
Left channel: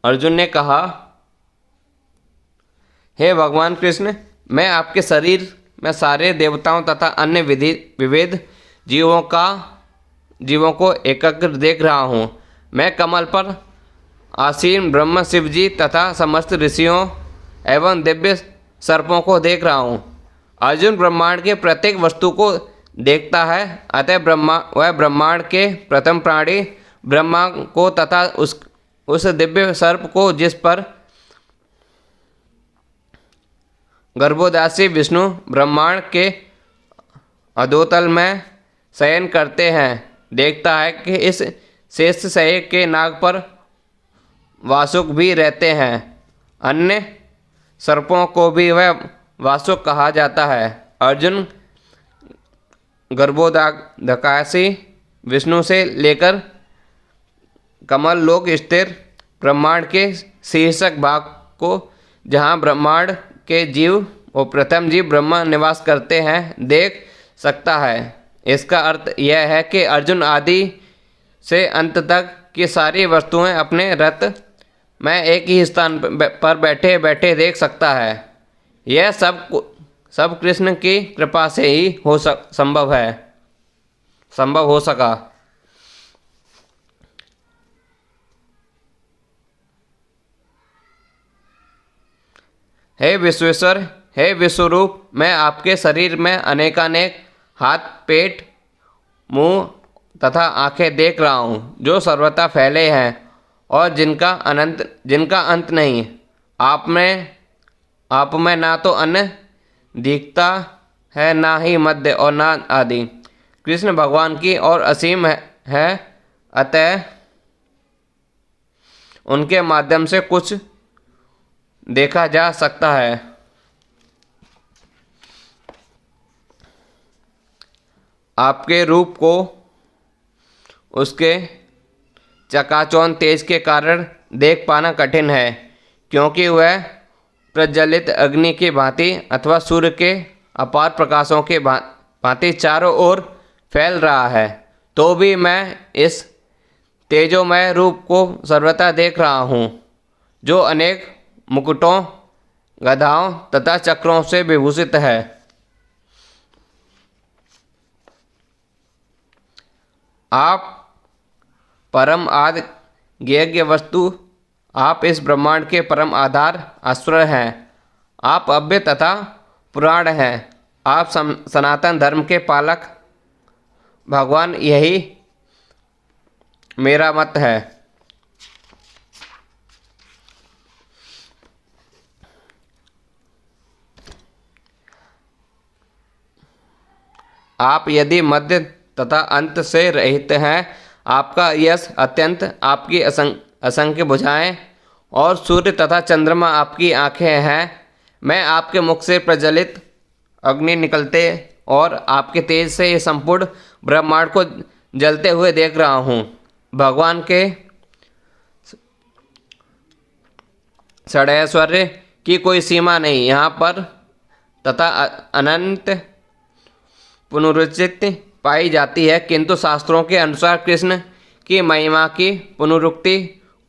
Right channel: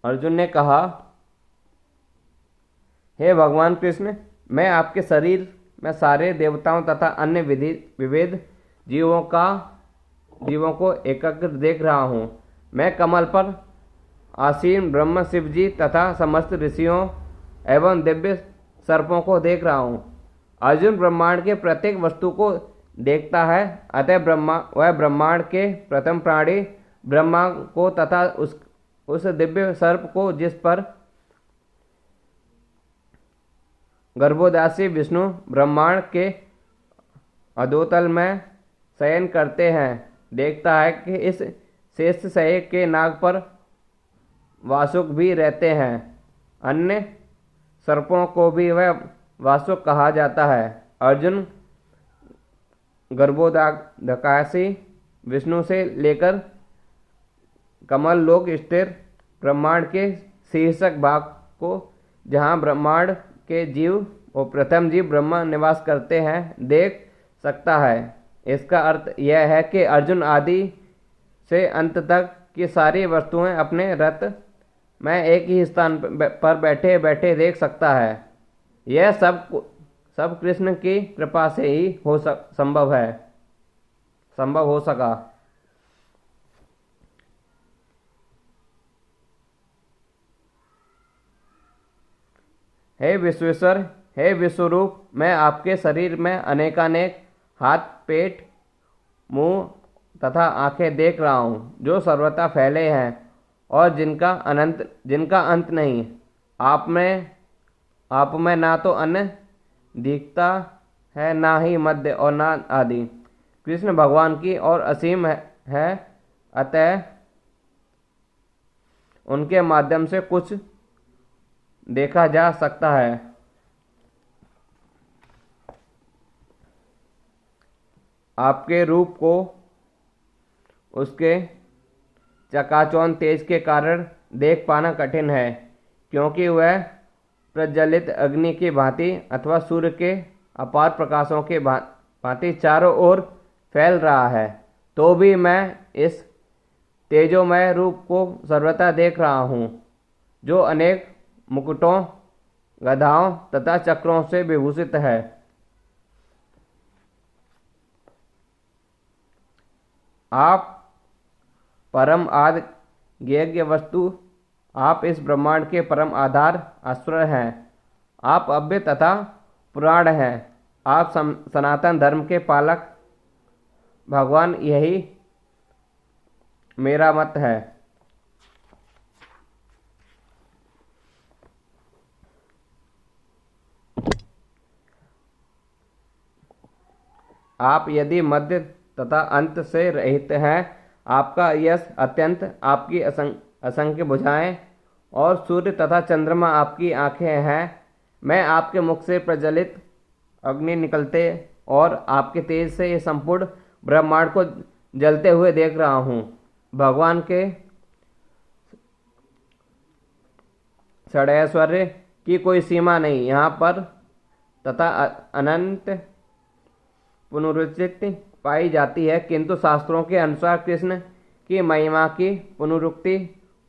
अर्जुन ने कहा, हे भगवान कृष्ण, मैं आपके शरीर में सारे देवताओं तथा अन्य विविध जीवों को एकाग्र देख रहा हूँ। मैं कमल पर आसीन ब्रह्म, शिव जी तथा समस्त ऋषियों एवं दिव्य सर्पों को देख रहा हूँ। अर्जुन ब्रह्मांड के प्रत्येक वस्तु को देखता है, अतः वह ब्रह्मांड के प्रथम प्राणी ब्रह्मा को तथा उस दिव्य सर्प को, जिस पर गर्भोदासी विष्णु ब्रह्मांड के अधोतल में शयन करते हैं, देखता है कि इस शेष शय के नाग पर वासुक भी रहते हैं। अन्य सर्पों को भी वह वासुक कहा जाता है। अर्जुन गर्भोदकासी विष्णु से लेकर कमल लोक स्थिर ब्रह्मांड के शीर्षक भाग को, जहाँ ब्रह्मांड के जीव और प्रथम जीव ब्रह्मा निवास करते हैं, देख सकता है। इसका अर्थ यह है कि अर्जुन आदि से अंत तक की सारी वस्तुएं अपने रथ में एक ही स्थान पर बैठे बैठे देख सकता है। यह सब कृष्ण की कृपा से ही संभव हो सका। हे विश्वेश्वर, हे विश्वरूप, मैं आपके शरीर में अनेकानेक हाथ, पेट, मुंह तथा आंखें देख रहा हूँ, जो सर्वथा फैले हैं और जिनका अंत नहीं। आप में ना तो अन्न दिखता है, ना ही मध्य और ना आदि। कृष्ण भगवान की और असीम है, अतः उनके माध्यम से कुछ देखा जा सकता है। आपके रूप उसके चकाचौंध तेज के कारण देख पाना कठिन है, क्योंकि वह प्रज्वलित अग्नि की भांति अथवा सूर्य के अपार प्रकाशों के भांति चारों ओर फैल रहा है। तो भी मैं इस तेजोमय रूप को सर्वथा देख रहा हूँ, जो अनेक मुकुटों, गधाओं तथा चक्रों से विभूषित है। आप परम आदि ज्ञेय वस्तु, आप इस ब्रह्मांड के परम आधार आश्रय हैं। आप अव्यय तथा पुराण हैं। आप सनातन धर्म के पालक भगवान, यही मेरा मत है। आप यदि मध्य तथा अंत से रहित हैं, आपका यश अत्यंत, आपकी असंख्य भुजाएं और सूर्य तथा चंद्रमा आपकी आंखें हैं। मैं आपके मुख से प्रज्वलित अग्नि निकलते और आपके तेज से ये संपूर्ण ब्रह्मांड को जलते हुए देख रहा हूँ। भगवान के षडैश्वर्य की कोई सीमा नहीं यहाँ पर तथा अनंत पुनरुचित पाई जाती है, किंतु शास्त्रों के अनुसार कृष्ण की महिमा की पुनरुक्ति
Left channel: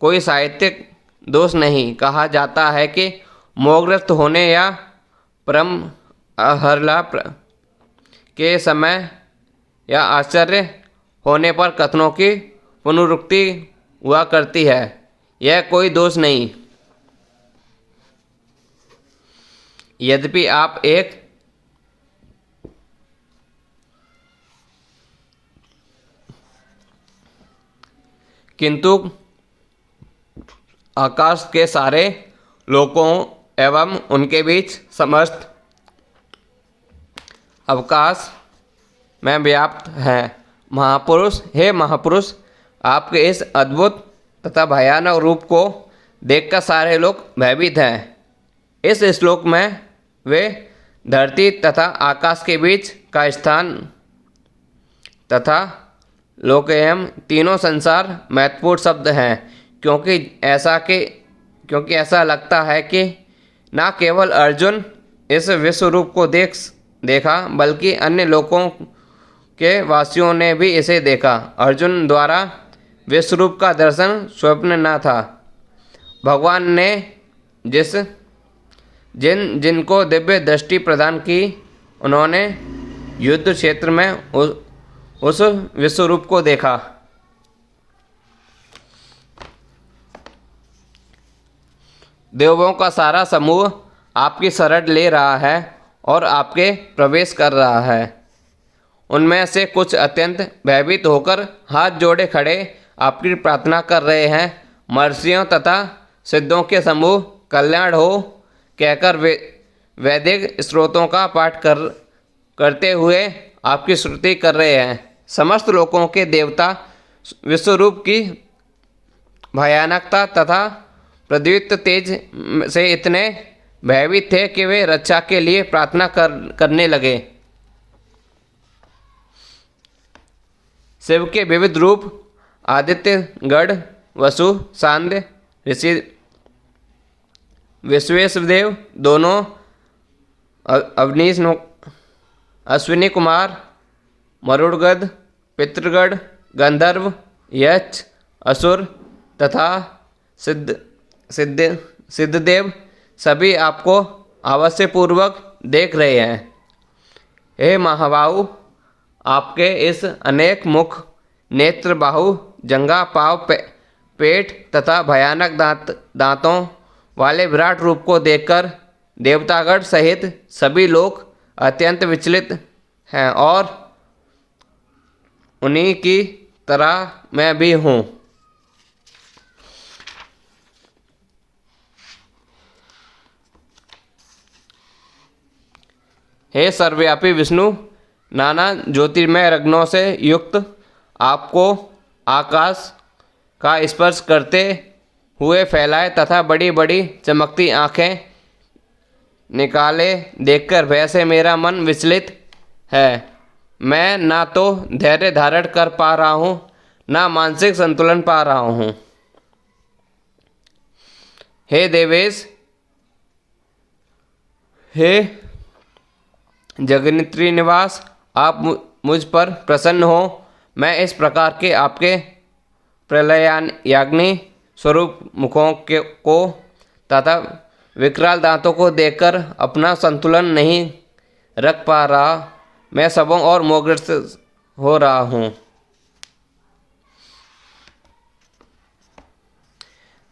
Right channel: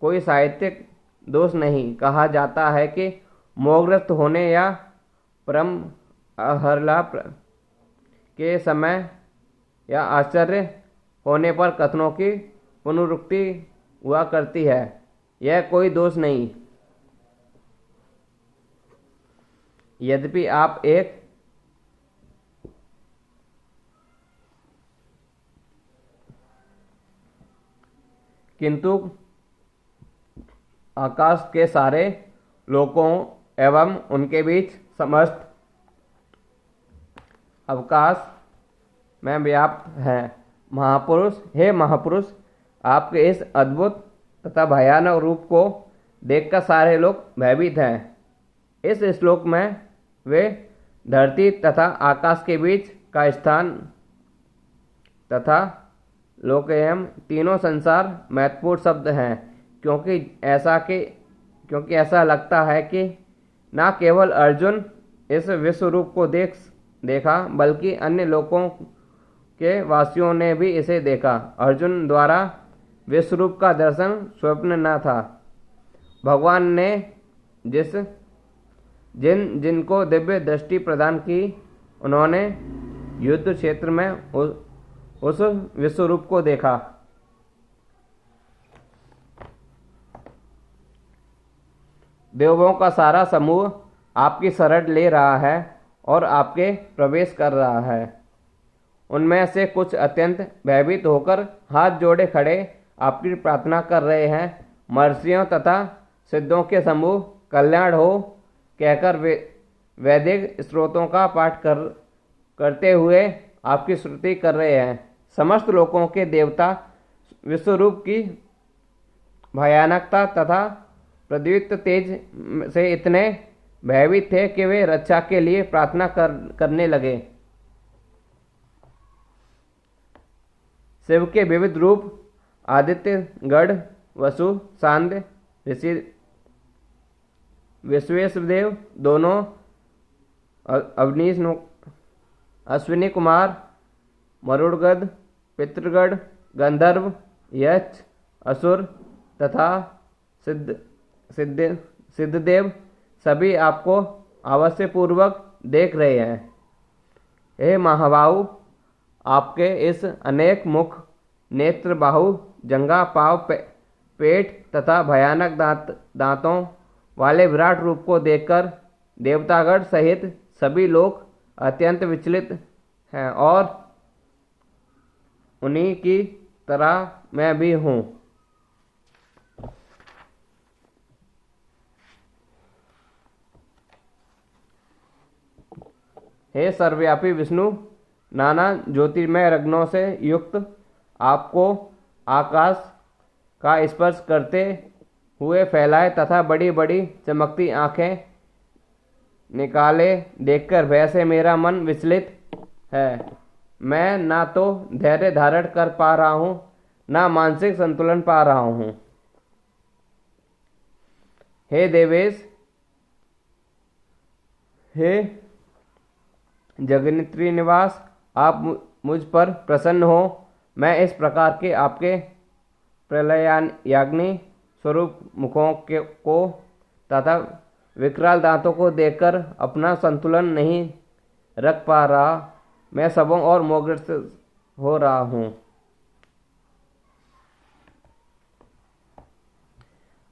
कोई साहित्यिक दोष नहीं। कहा जाता है कि मोहग्रस्त होने या परम आह्लाद के समय या आश्चर्य होने पर कथनों की पुनरुक्ति हुआ करती है। यह कोई दोष नहीं। यद्यपि आप एक किंतु आकाश के सारे लोकों एवं उनके बीच समस्त अवकाश में व्याप्त है। महापुरुष, हे महापुरुष, आपके इस अद्भुत तथा भयानक रूप को देखकर सारे लोग भयभीत हैं। इस श्लोक में वे धरती तथा आकाश के बीच का स्थान तथा लोकयम तीनों संसार महत्वपूर्ण शब्द हैं, क्योंकि ऐसा लगता है कि न केवल अर्जुन इस विश्व रूप को देखा बल्कि अन्य लोकों के वासियों ने भी इसे देखा। अर्जुन द्वारा विश्व रूप का दर्शन स्वप्न न था। भगवान ने जिनको दिव्य दृष्टि प्रदान की, उन्होंने युद्ध क्षेत्र में उस विश्व रूप को देखा। देवों का सारा समूह आपकी शरण ले रहा है और आपके प्रवेश कर रहा है। उनमें से कुछ अत्यंत भयभीत होकर हाथ जोड़े खड़े आपकी प्रार्थना कर रहे हैं। महर्षियों तथा सिद्धों के समूह कल्याण हो कहकर वैदिक स्रोतों का पाठ करते हुए आपकी स्तुति कर रहे हैं। समस्त लोकों के देवता विश्वरूप की भयानकता तथा प्रद्युत तेज से इतने भयभीत थे कि वे रक्षा के लिए प्रार्थना करने लगे। शिव के विविध रूप आदित्य, गढ़, वसु, सांध्य, ऋषि, विश्वेशदेव दोनों, अवनीश, अश्विनी कुमार, मरुड़गढ़, पितृगढ़, गंधर्व, यक्ष, असुर तथा सिद्धदेव सभी आपको अवश्यपूर्वक देख रहे हैं। हे महाबाहु, आपके इस अनेक मुख, नेत्र, बाहु, जंघा, पांव, पेट तथा भयानक दांतों वाले विराट रूप को देखकर देवतागण सहित सभी लोग अत्यंत विचलित हैं और उन्हीं की तरह मैं भी हूँ। हे सर्वव्यापी विष्णु, नाना ज्योतिर्मय रत्नों से युक्त आपको आकाश का स्पर्श करते हुए फैलाए तथा बड़ी बड़ी चमकती आँखें निकाले देखकर भय से मेरा मन विचलित है। मैं ना तो धैर्य धारण कर पा रहा हूँ, ना मानसिक संतुलन पा रहा हूँ। हे देवेश, हे जगन्नित्री निवास, आप मुझ पर प्रसन्न हो। मैं इस प्रकार के आपके प्रलयाग्नि स्वरूप मुखों को तथा विकराल दांतों को देखकर अपना संतुलन नहीं रख पा रहा। मैं सबों और मोहग्रस्त हो रहा हूँ।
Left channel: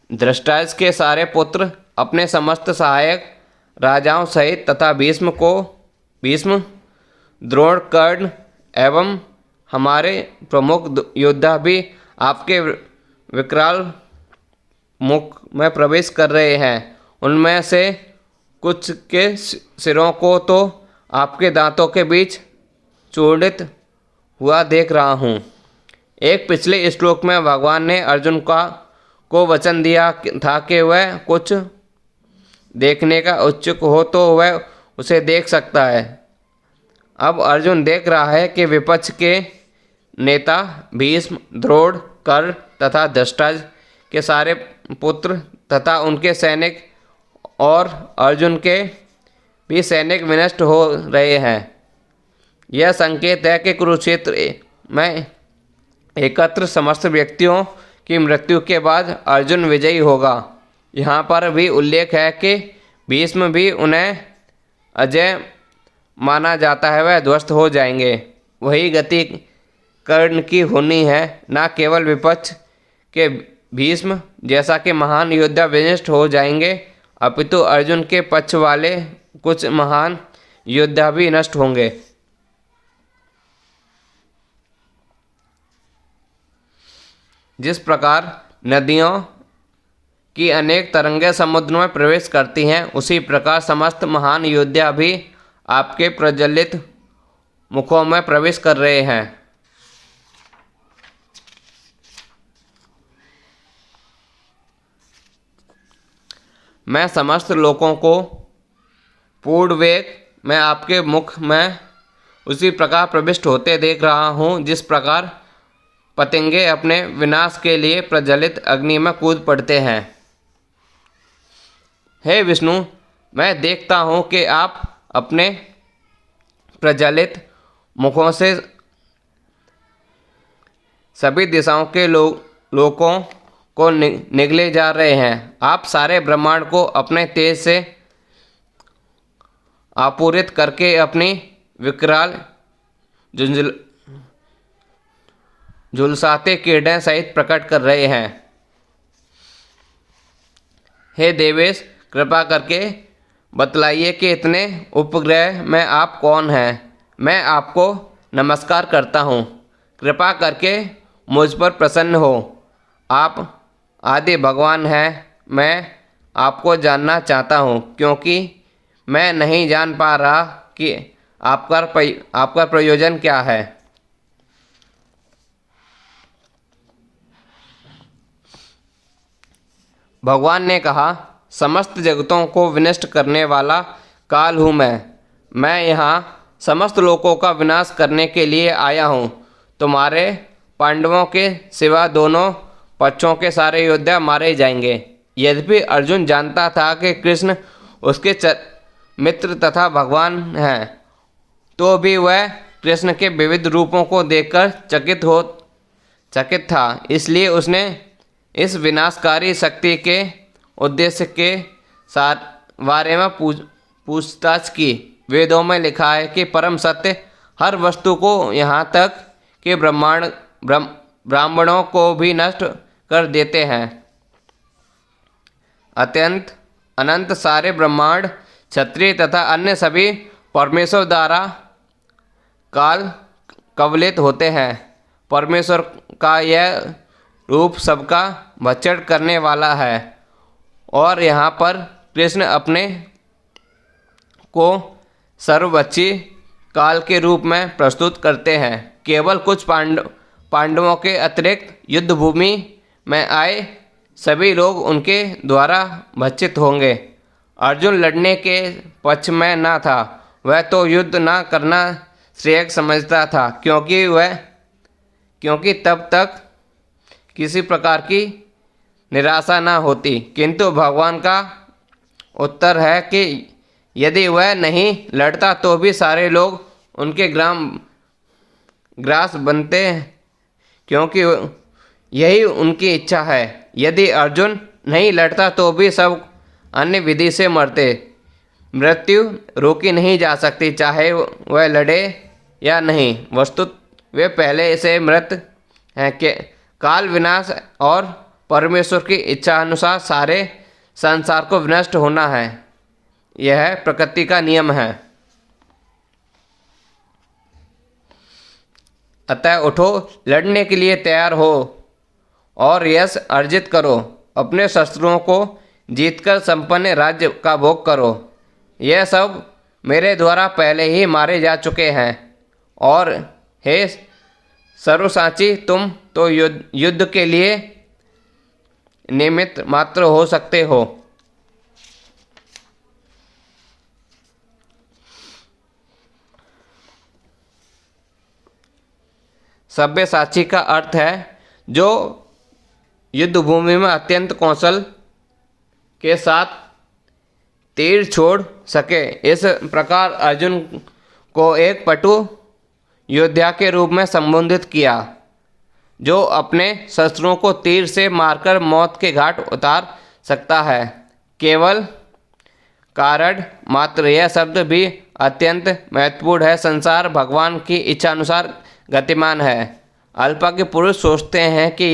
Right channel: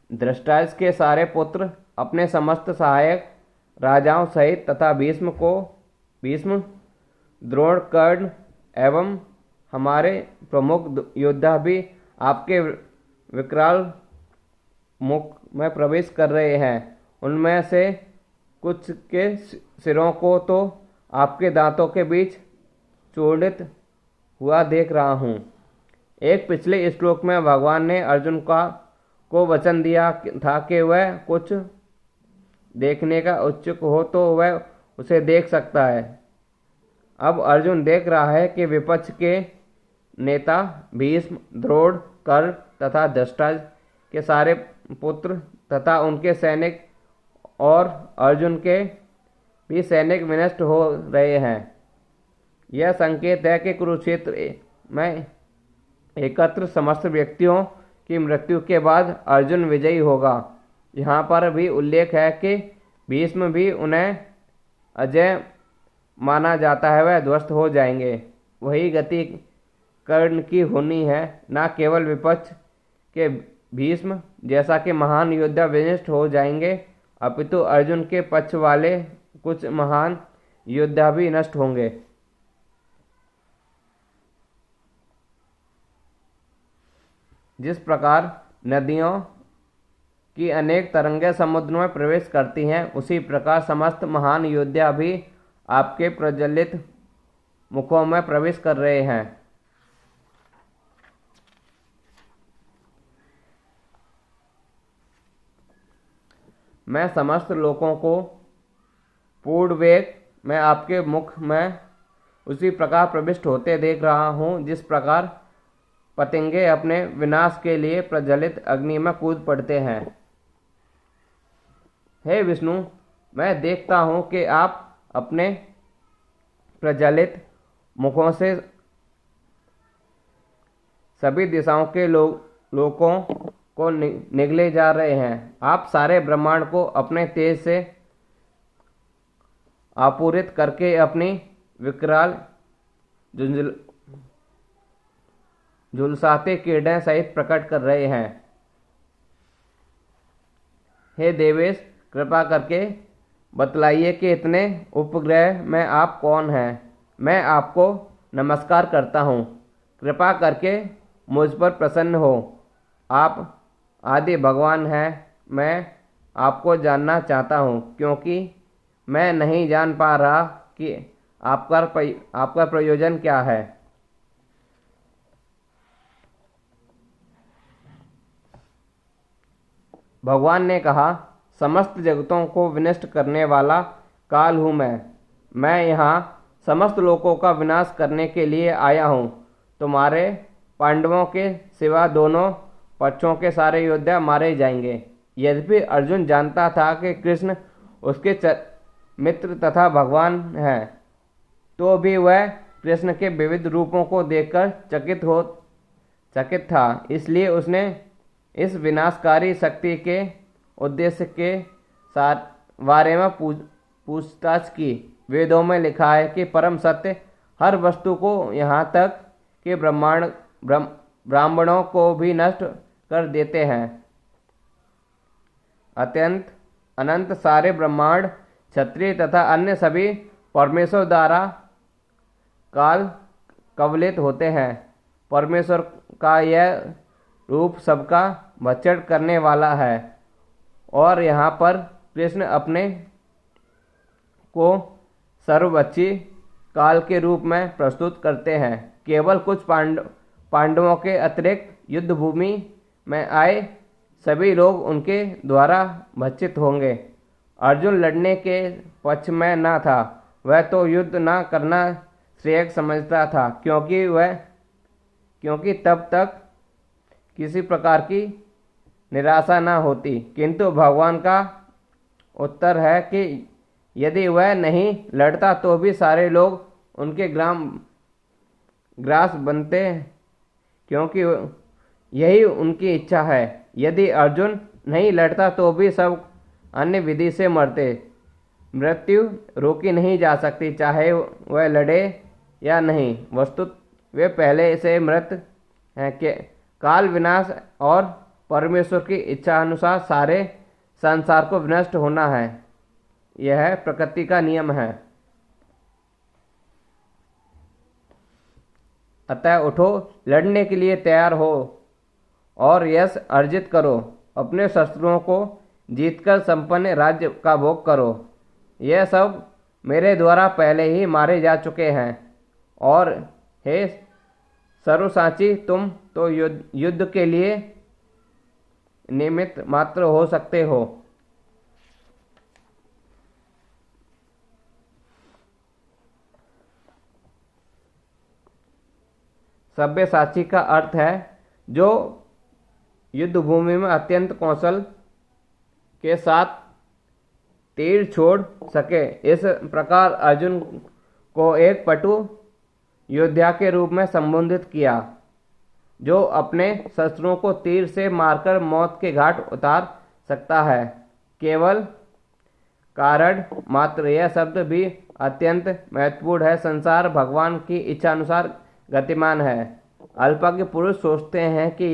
धृतराष्ट्र के सारे पुत्र अपने समस्त सहायक राजाओं सहित तथा भीष्म, द्रोण, कर्ण एवं हमारे प्रमुख योद्धा भी आपके विकराल मुख में प्रवेश कर रहे हैं। उनमें से कुछ के सिरों को तो आपके दांतों के बीच चूर्णित हुआ देख रहा हूँ। एक पिछले श्लोक में भगवान ने अर्जुन को वचन दिया था कि वह कुछ देखने का उत्सुक हो तो वह उसे देख सकता है। अब अर्जुन देख रहा है कि विपक्ष के नेता भीष्म, द्रोण, कर्ण तथा धृतराष्ट्र के सारे पुत्र तथा उनके सैनिक और अर्जुन के भी सैनिक विनष्ट हो रहे हैं। यह संकेत है कि कुरुक्षेत्र में एकत्र समस्त व्यक्तियों की मृत्यु के बाद अर्जुन विजयी होगा। यहाँ पर भी उल्लेख है कि भीष्म भी उन्हें अजय माना जाता है, वह ध्वस्त हो जाएंगे। वही गति कर्ण की होनी है। न केवल विपक्ष के भीष्म जैसा कि महान योद्धा विनष्ट हो जाएंगे, अपितु अर्जुन के पक्ष वाले कुछ महान योद्धा भी नष्ट होंगे। जिस प्रकार नदियों की अनेक तरंगें समुद्र में प्रवेश करती हैं, उसी प्रकार समस्त महान योद्धा भी आपके प्रज्वलित मुखों में प्रवेश कर रहे हैं। मैं समस्त लोगों को पूर्ण वेग में आपके मुख में उसी प्रकार प्रविष्ट होते देख रहा हूँ, जिस प्रकार पतंगे अपने विनाश के लिए प्रज्वलित अग्नि में कूद पड़ते हैं। हे विष्णु, मैं देखता हूँ कि आप अपने प्रज्वलित मुखों से सभी दिशाओं के लोगों को निगले जा रहे हैं। आप सारे ब्रह्मांड को अपने तेज से आपूरित करके अपनी विकराल झुलसाते किरणें सहित प्रकट कर रहे हैं। हे देवेश, कृपा करके बतलाइए कि इतने उपग्रह में आप कौन हैं। मैं आपको नमस्कार करता हूँ। कृपा करके मुझ पर प्रसन्न हो। आप आदि भगवान हैं। मैं आपको जानना चाहता हूँ, क्योंकि मैं नहीं जान पा रहा कि आपका प्रयोजन क्या है। भगवान ने कहा, समस्त जगतों को विनष्ट करने वाला काल हूँ मैं यहाँ समस्त लोगों का विनाश करने के लिए आया हूँ। तुम्हारे पांडवों के सिवा दोनों पक्षों के सारे योद्धा मारे जाएंगे। यद्यपि अर्जुन जानता था कि कृष्ण उसके मित्र तथा भगवान हैं, तो भी वह कृष्ण के विविध रूपों को देखकर चकित था। इसलिए उसने इस विनाशकारी शक्ति के उद्देश्य के बारे में पूछताछ की। वेदों में लिखा है कि परम सत्य हर वस्तु को यहाँ तक कि ब्राह्मणों को भी नष्ट कर देते हैं। अनंत सारे ब्रह्मांड, क्षत्रिय तथा अन्य सभी परमेश्वर द्वारा काल कवलित होते हैं। परमेश्वर का यह रूप सबका भक्षण करने वाला है। और यहाँ पर कृष्ण अपने को सर्वभक्षी काल के रूप में प्रस्तुत करते हैं। केवल कुछ पांडवों के अतिरिक्त युद्ध भूमि में आए सभी लोग उनके द्वारा भक्षित होंगे। अर्जुन लड़ने के पक्ष में न था। वह तो युद्ध न करना श्रेय समझता था, क्योंकि तब तक किसी प्रकार की निराशा न होती। किंतु भगवान का उत्तर है कि यदि वह नहीं लड़ता तो भी सारे लोग उनके ग्रास बनते हैं, क्योंकि यही उनकी इच्छा है। यदि अर्जुन नहीं लड़ता तो भी सब अन्य विधि से मरते। मृत्यु रोकी नहीं जा सकती, चाहे वह लड़े या नहीं। वस्तुत वे पहले से मृत हैं कि काल विनाश और परमेश्वर की इच्छा अनुसार सारे संसार को विनष्ट होना है। यह प्रकृति का नियम है। अतः उठो, लड़ने के लिए तैयार हो और यश अर्जित करो। अपने शस्त्रों को जीतकर संपन्न राज्य का भोग करो। यह सब मेरे द्वारा पहले ही मारे जा चुके हैं। और हे सर्वसाची, तुम तो युद्ध के लिए निमित्त मात्र हो सकते हो। सव्यसाची का अर्थ है जो युद्ध भूमि में अत्यंत कौशल के साथ तीर छोड़ सके। इस प्रकार अर्जुन को एक पटु योद्धा के रूप में संबोधित किया, जो अपने शस्त्रों को तीर से मारकर मौत के घाट उतार सकता है। केवल कारण मात्र यह शब्द भी अत्यंत महत्वपूर्ण है। संसार भगवान की इच्छा अनुसार गतिमान है। अल्पज्ञ पुरुष सोचते हैं कि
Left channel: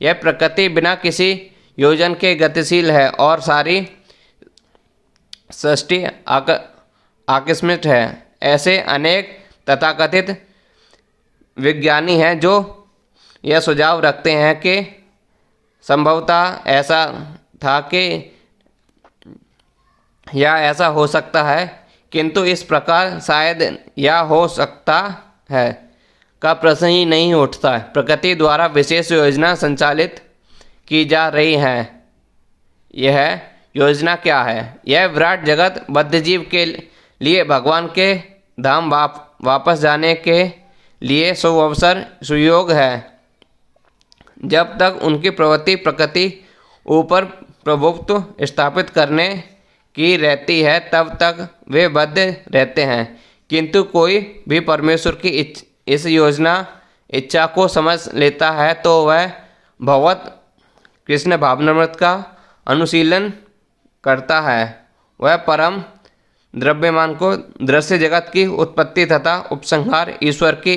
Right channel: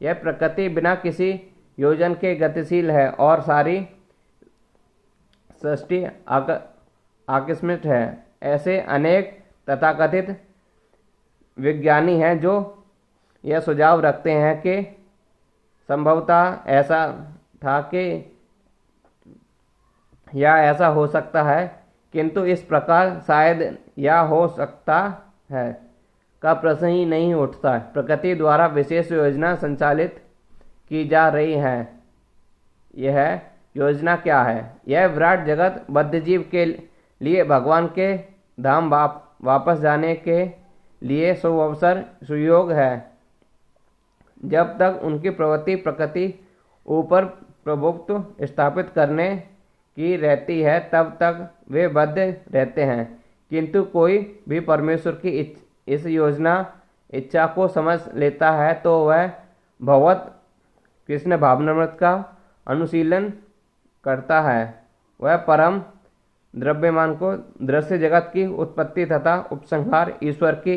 यह प्रकृति बिना किसी योजन के गतिशील है और सारी सृष्टि आकस्मिक है। ऐसे अनेक तथाकथित विज्ञानी हैं जो यह सुझाव रखते हैं कि संभवतः ऐसा था कि या ऐसा हो सकता है, किंतु इस प्रकार शायद या हो सकता है का प्रश्न ही नहीं उठता। प्रकृति द्वारा विशेष योजना संचालित की जा रही है। यह योजना क्या है? यह विराट जगत बद्धजीव के लिए भगवान के धाम वापस जाने के लिए सुअवसर सुयोग है। जब तक उनकी प्रवृत्ति प्रकृति ऊपर प्रभुत्व स्थापित करने की रहती है, तब तक वे बद्ध रहते हैं। किंतु कोई भी परमेश्वर की इस इच्छा को समझ लेता है तो वह भगवत कृष्ण भावनामृत का अनुशीलन करता है। वह परम द्रव्यमान को दृश्य जगत की उत्पत्ति तथा उपसंहार ईश्वर की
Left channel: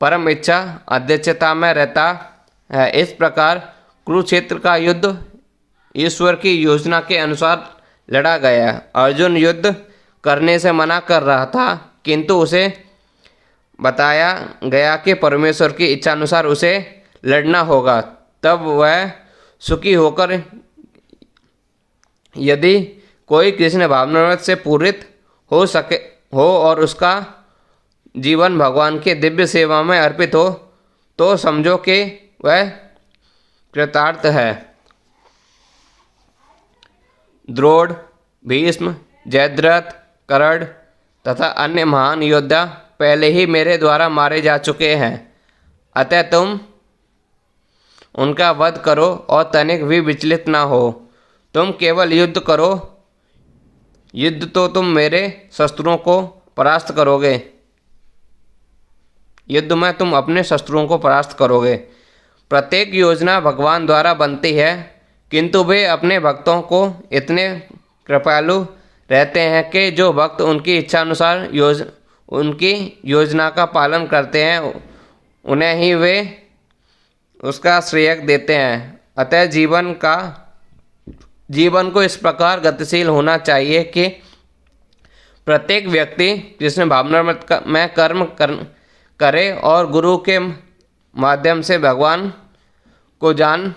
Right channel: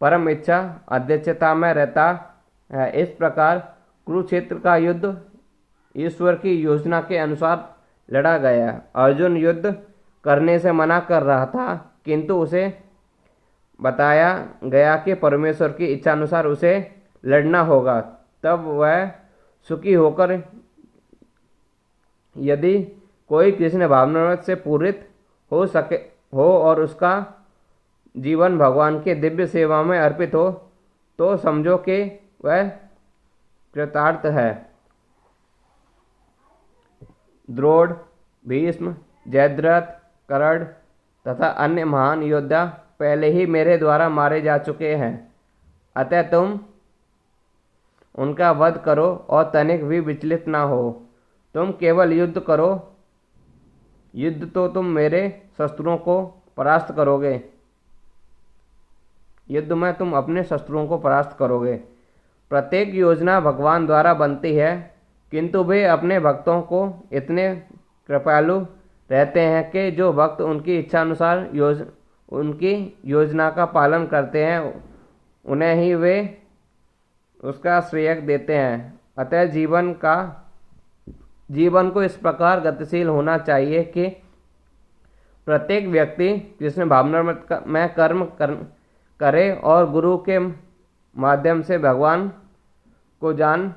परम इच्छा अध्यक्षता में रहता है। इस प्रकार कुरुक्षेत्र का युद्ध ईश्वर की योजना के अनुसार लड़ा गया। अर्जुन युद्ध करने से मना कर रहा था, किंतु उसे बताया गया कि परमेश्वर की इच्छा अनुसार उसे लड़ना होगा। तब वह सुखी होकर यदि कोई कृष्ण भावनामृत से पूरित हो और उसका जीवन भगवान के दिव्य सेवा में अर्पित हो, तो समझो कि वह कृतार्थ है। द्रोण, भीष्म, जयद्रथ, कर्ण तथा अन्य महान योद्धा पहले ही मेरे द्वारा मारे जा चुके हैं। अतः तुम उनका वध करो और तनिक भी विचलित न हो। तुम केवल युद्ध करो। युद्ध तो तुम मेरे शस्त्रों को परास्त करोगे। युद्ध में तुम अपने शस्त्रों को परास्त करोगे। प्रत्येक योजना भगवान द्वारा बनती है, किंतु वे अपने भक्तों को इतने कृपालु रहते हैं कि जो भक्त उनकी इच्छा अनुसार उनकी योजना का पालन करते हैं, उन्हें ही वे उसका श्रेय देते हैं। अतः जीवन को इस प्रकार गतिशील होना चाहिए कि प्रत्येक व्यक्ति कृष्ण भावनामृत में कर्म करे और गुरु के माध्यम से भगवान को जान।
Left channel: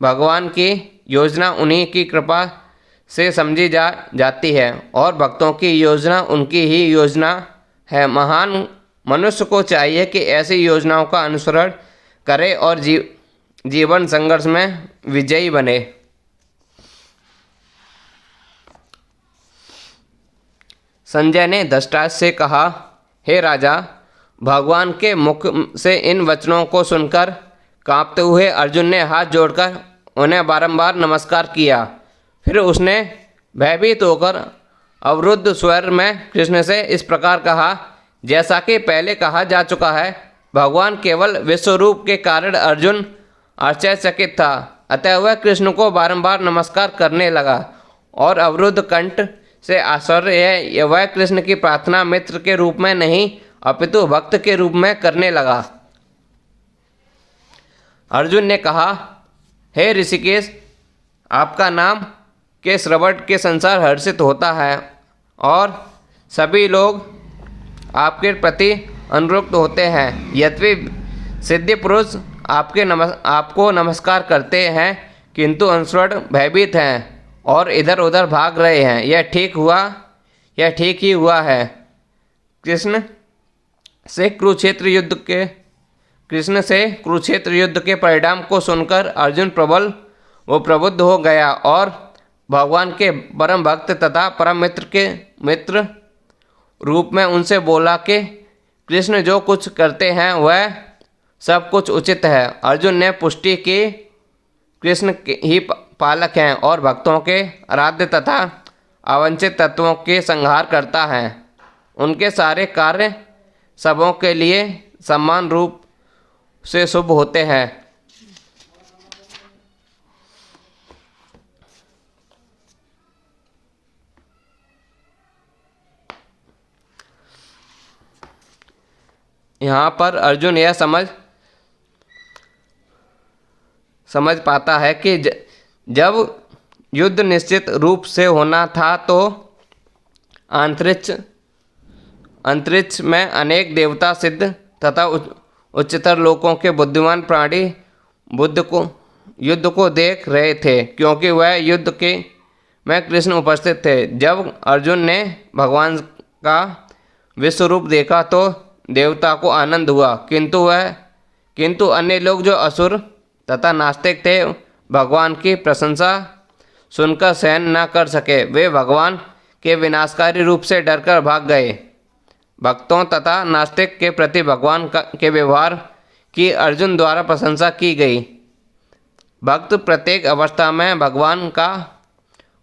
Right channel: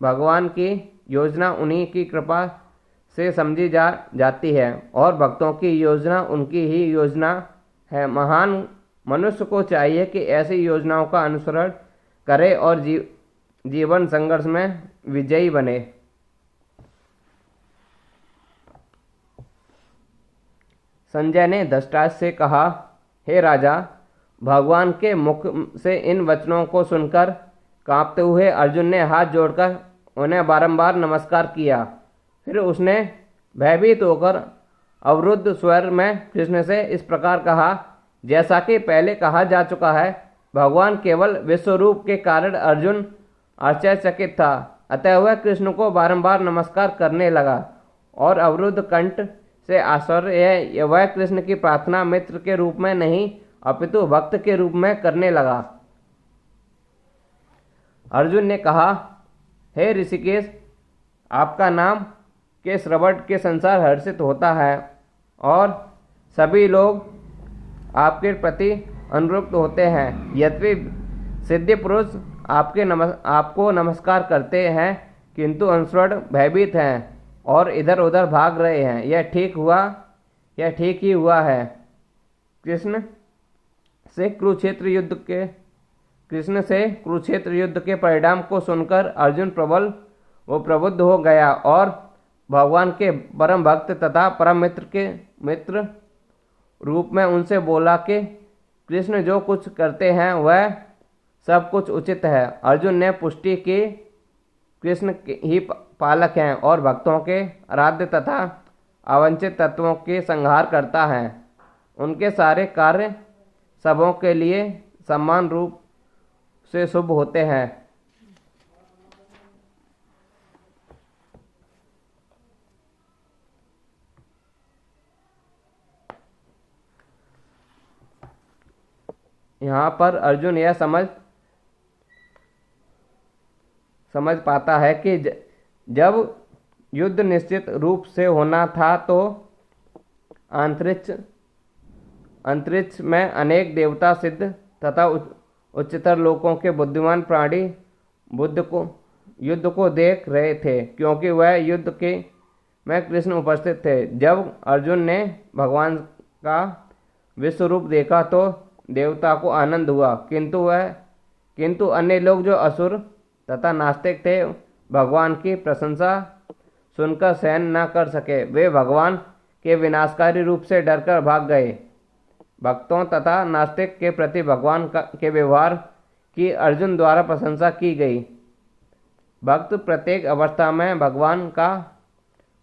भगवान की योजना उन्हीं की कृपा से समझी जाती है और भक्तों की योजना उनकी ही योजना है। महान मनुष्य को चाहिए कि ऐसी योजनाओं का अनुसरण करे और जीवन संघर्ष में विजयी बने। संजय ने धृतराष्ट्र से कहा, हे राजा, भगवान के मुख से इन वचनों को सुनकर कांपते हुए अर्जुन ने हाथ जोड़कर उन्हें बारंबार नमस्कार किया। फिर उसने भयभीत होकर अवरुद्ध स्वर में कृष्ण से इस प्रकार कहा, जैसा कि पहले कहा जा चुका है, भगवान केवल विश्वरूप के कारण अर्जुन आश्चर्यचकित था। अतः वह कृष्ण को बारंबार नमस्कार करने लगा और अवरुद्ध कंठ से आश्चर्य वह कृष्ण की प्रार्थना मित्र के रूप में नहीं अपितु भक्त के रूप में करने लगा। अर्जुन ने कहा, हे ऋषिकेश, आपका नाम के श्रवण के संसार हर्षित होता है और सभी लोग आपके प्रति अनुरक्त होते हैं। यद्यपि सिद्धि पुरुष आपको नमस्कार करते हैं, किंतु अनुसरण भयभीत हैं और इधर उधर भाग रहे हैं। यह ठीक ही हुआ है। कृष्ण से कुरुक्षेत्र युद्ध के परिणाम को सुनकर अर्जुन प्रबुद्ध हो गया और भगवान के परम भक्त तथा परम मित्र रूप में उनसे बोला कि कृष्ण जो कुछ करते हैं वह सब कुछ उचित है। अर्जुन ने पुष्टि की कृष्ण ही पालक हैं और भक्तों के आराध्य तथा अवंचित तत्वों के संहार करता है। उनके सारे कार्य सबों के लिए समान रूप से शुभ होते हैं। यहाँ पर अर्जुन यह समझ पाता है कि जब युद्ध निश्चित रूप से होना था तो अंतरिक्ष में अनेक देवता, सिद्ध तथा उच्चतर लोकों के बुद्धिमान प्राणी युद्ध को देख रहे थे, क्योंकि वह युद्ध में कृष्ण उपस्थित थे। जब अर्जुन ने भगवान का विश्वरूप देखा तो देवता को आनंद हुआ, किंतु अन्य लोग जो असुर तथा नास्तिक थे भगवान की प्रशंसा सुनकर सहन न कर सके। वे भगवान के विनाशकारी रूप से डरकर भाग गए। भक्तों तथा नास्तिक के प्रति भगवान के व्यवहार की अर्जुन द्वारा प्रशंसा की गई। भक्त प्रत्येक अवस्था में भगवान का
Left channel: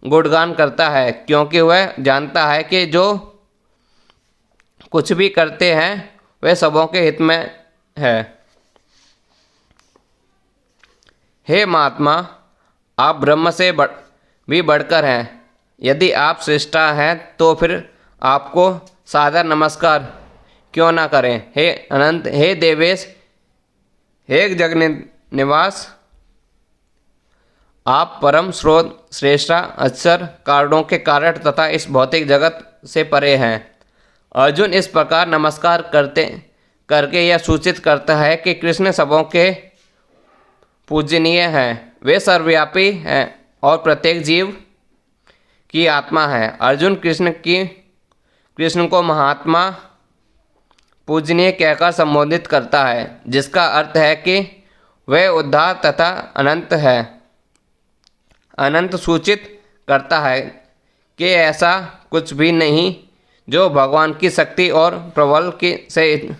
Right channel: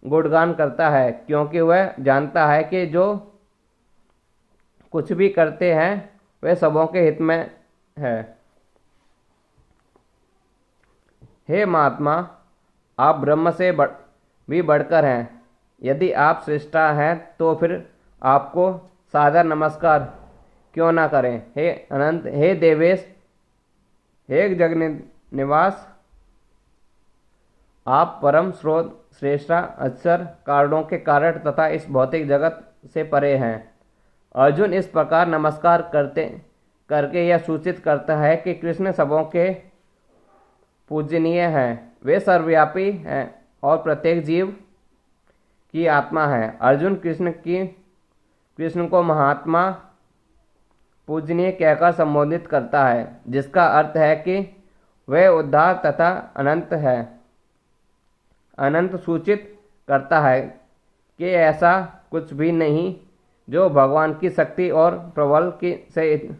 गुणगान करता है, क्योंकि वह जानता है कि जो कुछ भी करते हैं वे सबों के हित में है। हे महात्मा, आप ब्रह्म से भी बढ़कर हैं। यदि आप श्रेष्ठा हैं तो फिर आपको सादर नमस्कार क्यों न करें। हे अनंत, हे देवेश, हे जगन्निवास, आप परम स्रोत, श्रेष्ठा, अक्षर, कारणों के कारण तथा इस भौतिक जगत से परे हैं। अर्जुन इस प्रकार नमस्कार करके यह सूचित करता है कि कृष्ण सबों के पूजनीय हैं। वे सर्वव्यापी हैं और प्रत्येक जीव की आत्मा है। अर्जुन कृष्ण को महात्मा, पूजनीय कहकर संबोधित करता है, जिसका अर्थ है कि वह उद्धार तथा अनंत है। अनंत सूचित करता है कि ऐसा कुछ भी नहीं जो भगवान की शक्ति और प्रबल से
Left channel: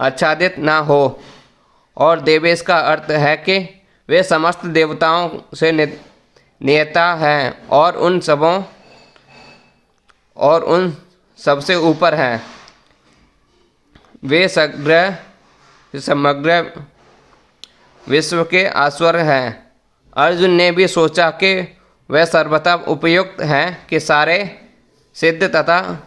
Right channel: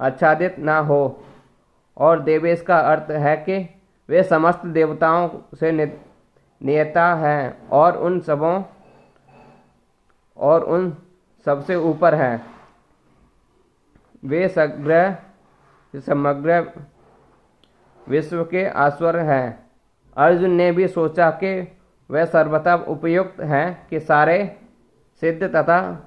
आच्छादित न हो। और देवेश का अर्थ है कि वे समस्त देवताओं से नेता हैं और उन सबसे ऊपर हैं। वे समग्र विश्व के ईश्वर हैं। अर्जुन ने भी सोचा कि वह सर्वथा उपयुक्त हैं कि सारे सिद्ध तथा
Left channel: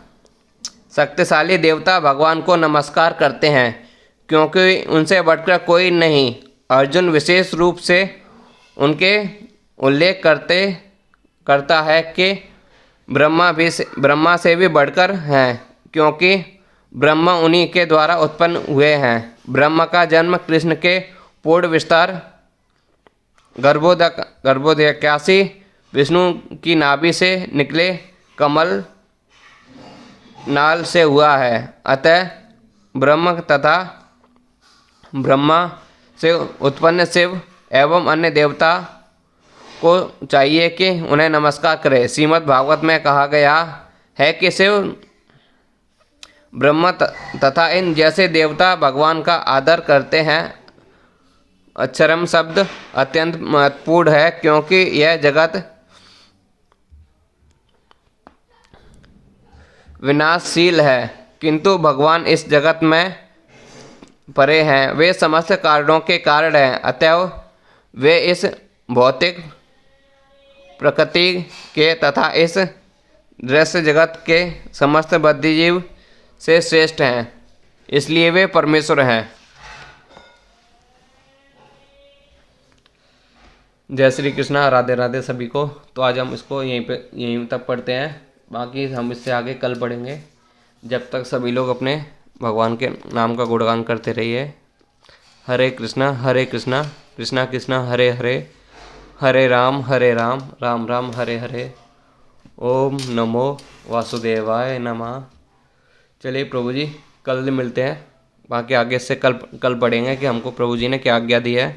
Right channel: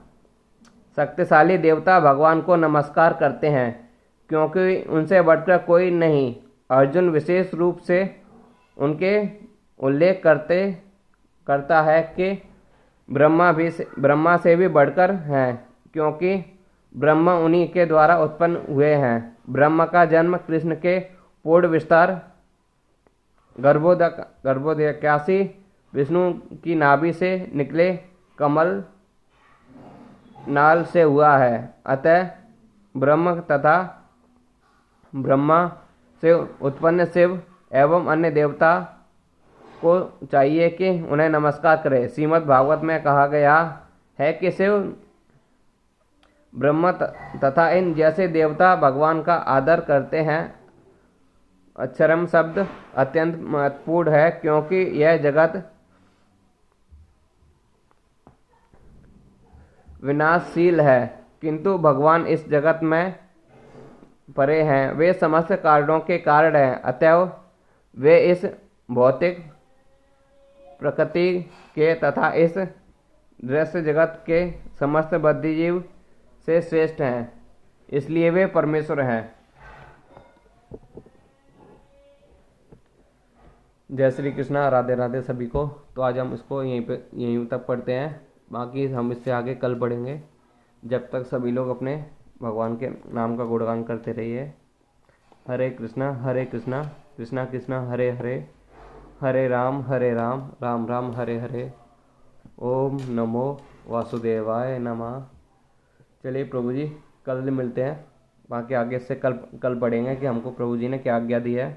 शक्तिशाली देवता भगवान को नमस्कार करते हैं, क्योंकि उनसे बढ़कर कोई नहीं। अर्जुन विशेष रूप से उनके उल्लेख करता है कि ब्रह्मा से भी बढ़कर हैं, क्योंकि ब्रह्मा उन्हीं के द्वारा उत्पन्न हुए हैं। ब्रह्मा का जन्म कृष्ण के पूर्ण विस्तार गर्भोदकाशी विष्णु की नाभि से निकले कमल नाल से हुआ है। अतः ब्रह्मा से उत्पन्न शिव एवं अन्य देवता को चाहिए कि उन्हें नमस्कार करें। श्रीमद् भागवत में कहा गया है कि शिव ब्रह्मा तथा इन जैसे देवता भगवान का आदर करते हैं। अक्षरम शब्द अत्यंत महत्वपूर्ण है क्योंकि यह जगत विनाशशील है, किंतु भगवान इस जगत में परे हैं। वे समस्त कारणों के कारण हैं, अतएव वे इस भौतिक प्रकृति के तथा इस दृश्य जगत के समस्त बुद्धिजीव से श्रेष्ठ हैं, इसलिए वे परमेश्वर हैं। जय श्री कृष्णा, राधे राधे सभी को। तो आज हम इसको यहीं तक पढ़ते हैं, बाकी हम इससे आगे कल पढ़ेंगे। जब तक सभी लोग अपने भगवान के नाम का गुणगान करते रहिए। हरे कृष्णा कृष्णा कृष्णा हरे हरे, हरे राम राम राम हरे हरे। ओम नमो वासुदेवाय नमः। चलिए प्रभु जी, कल मिलते हैं, बाकी आगे से कल पढ़ेंगे कि हमको प्रभु जी ने क्या आज्ञा दी है।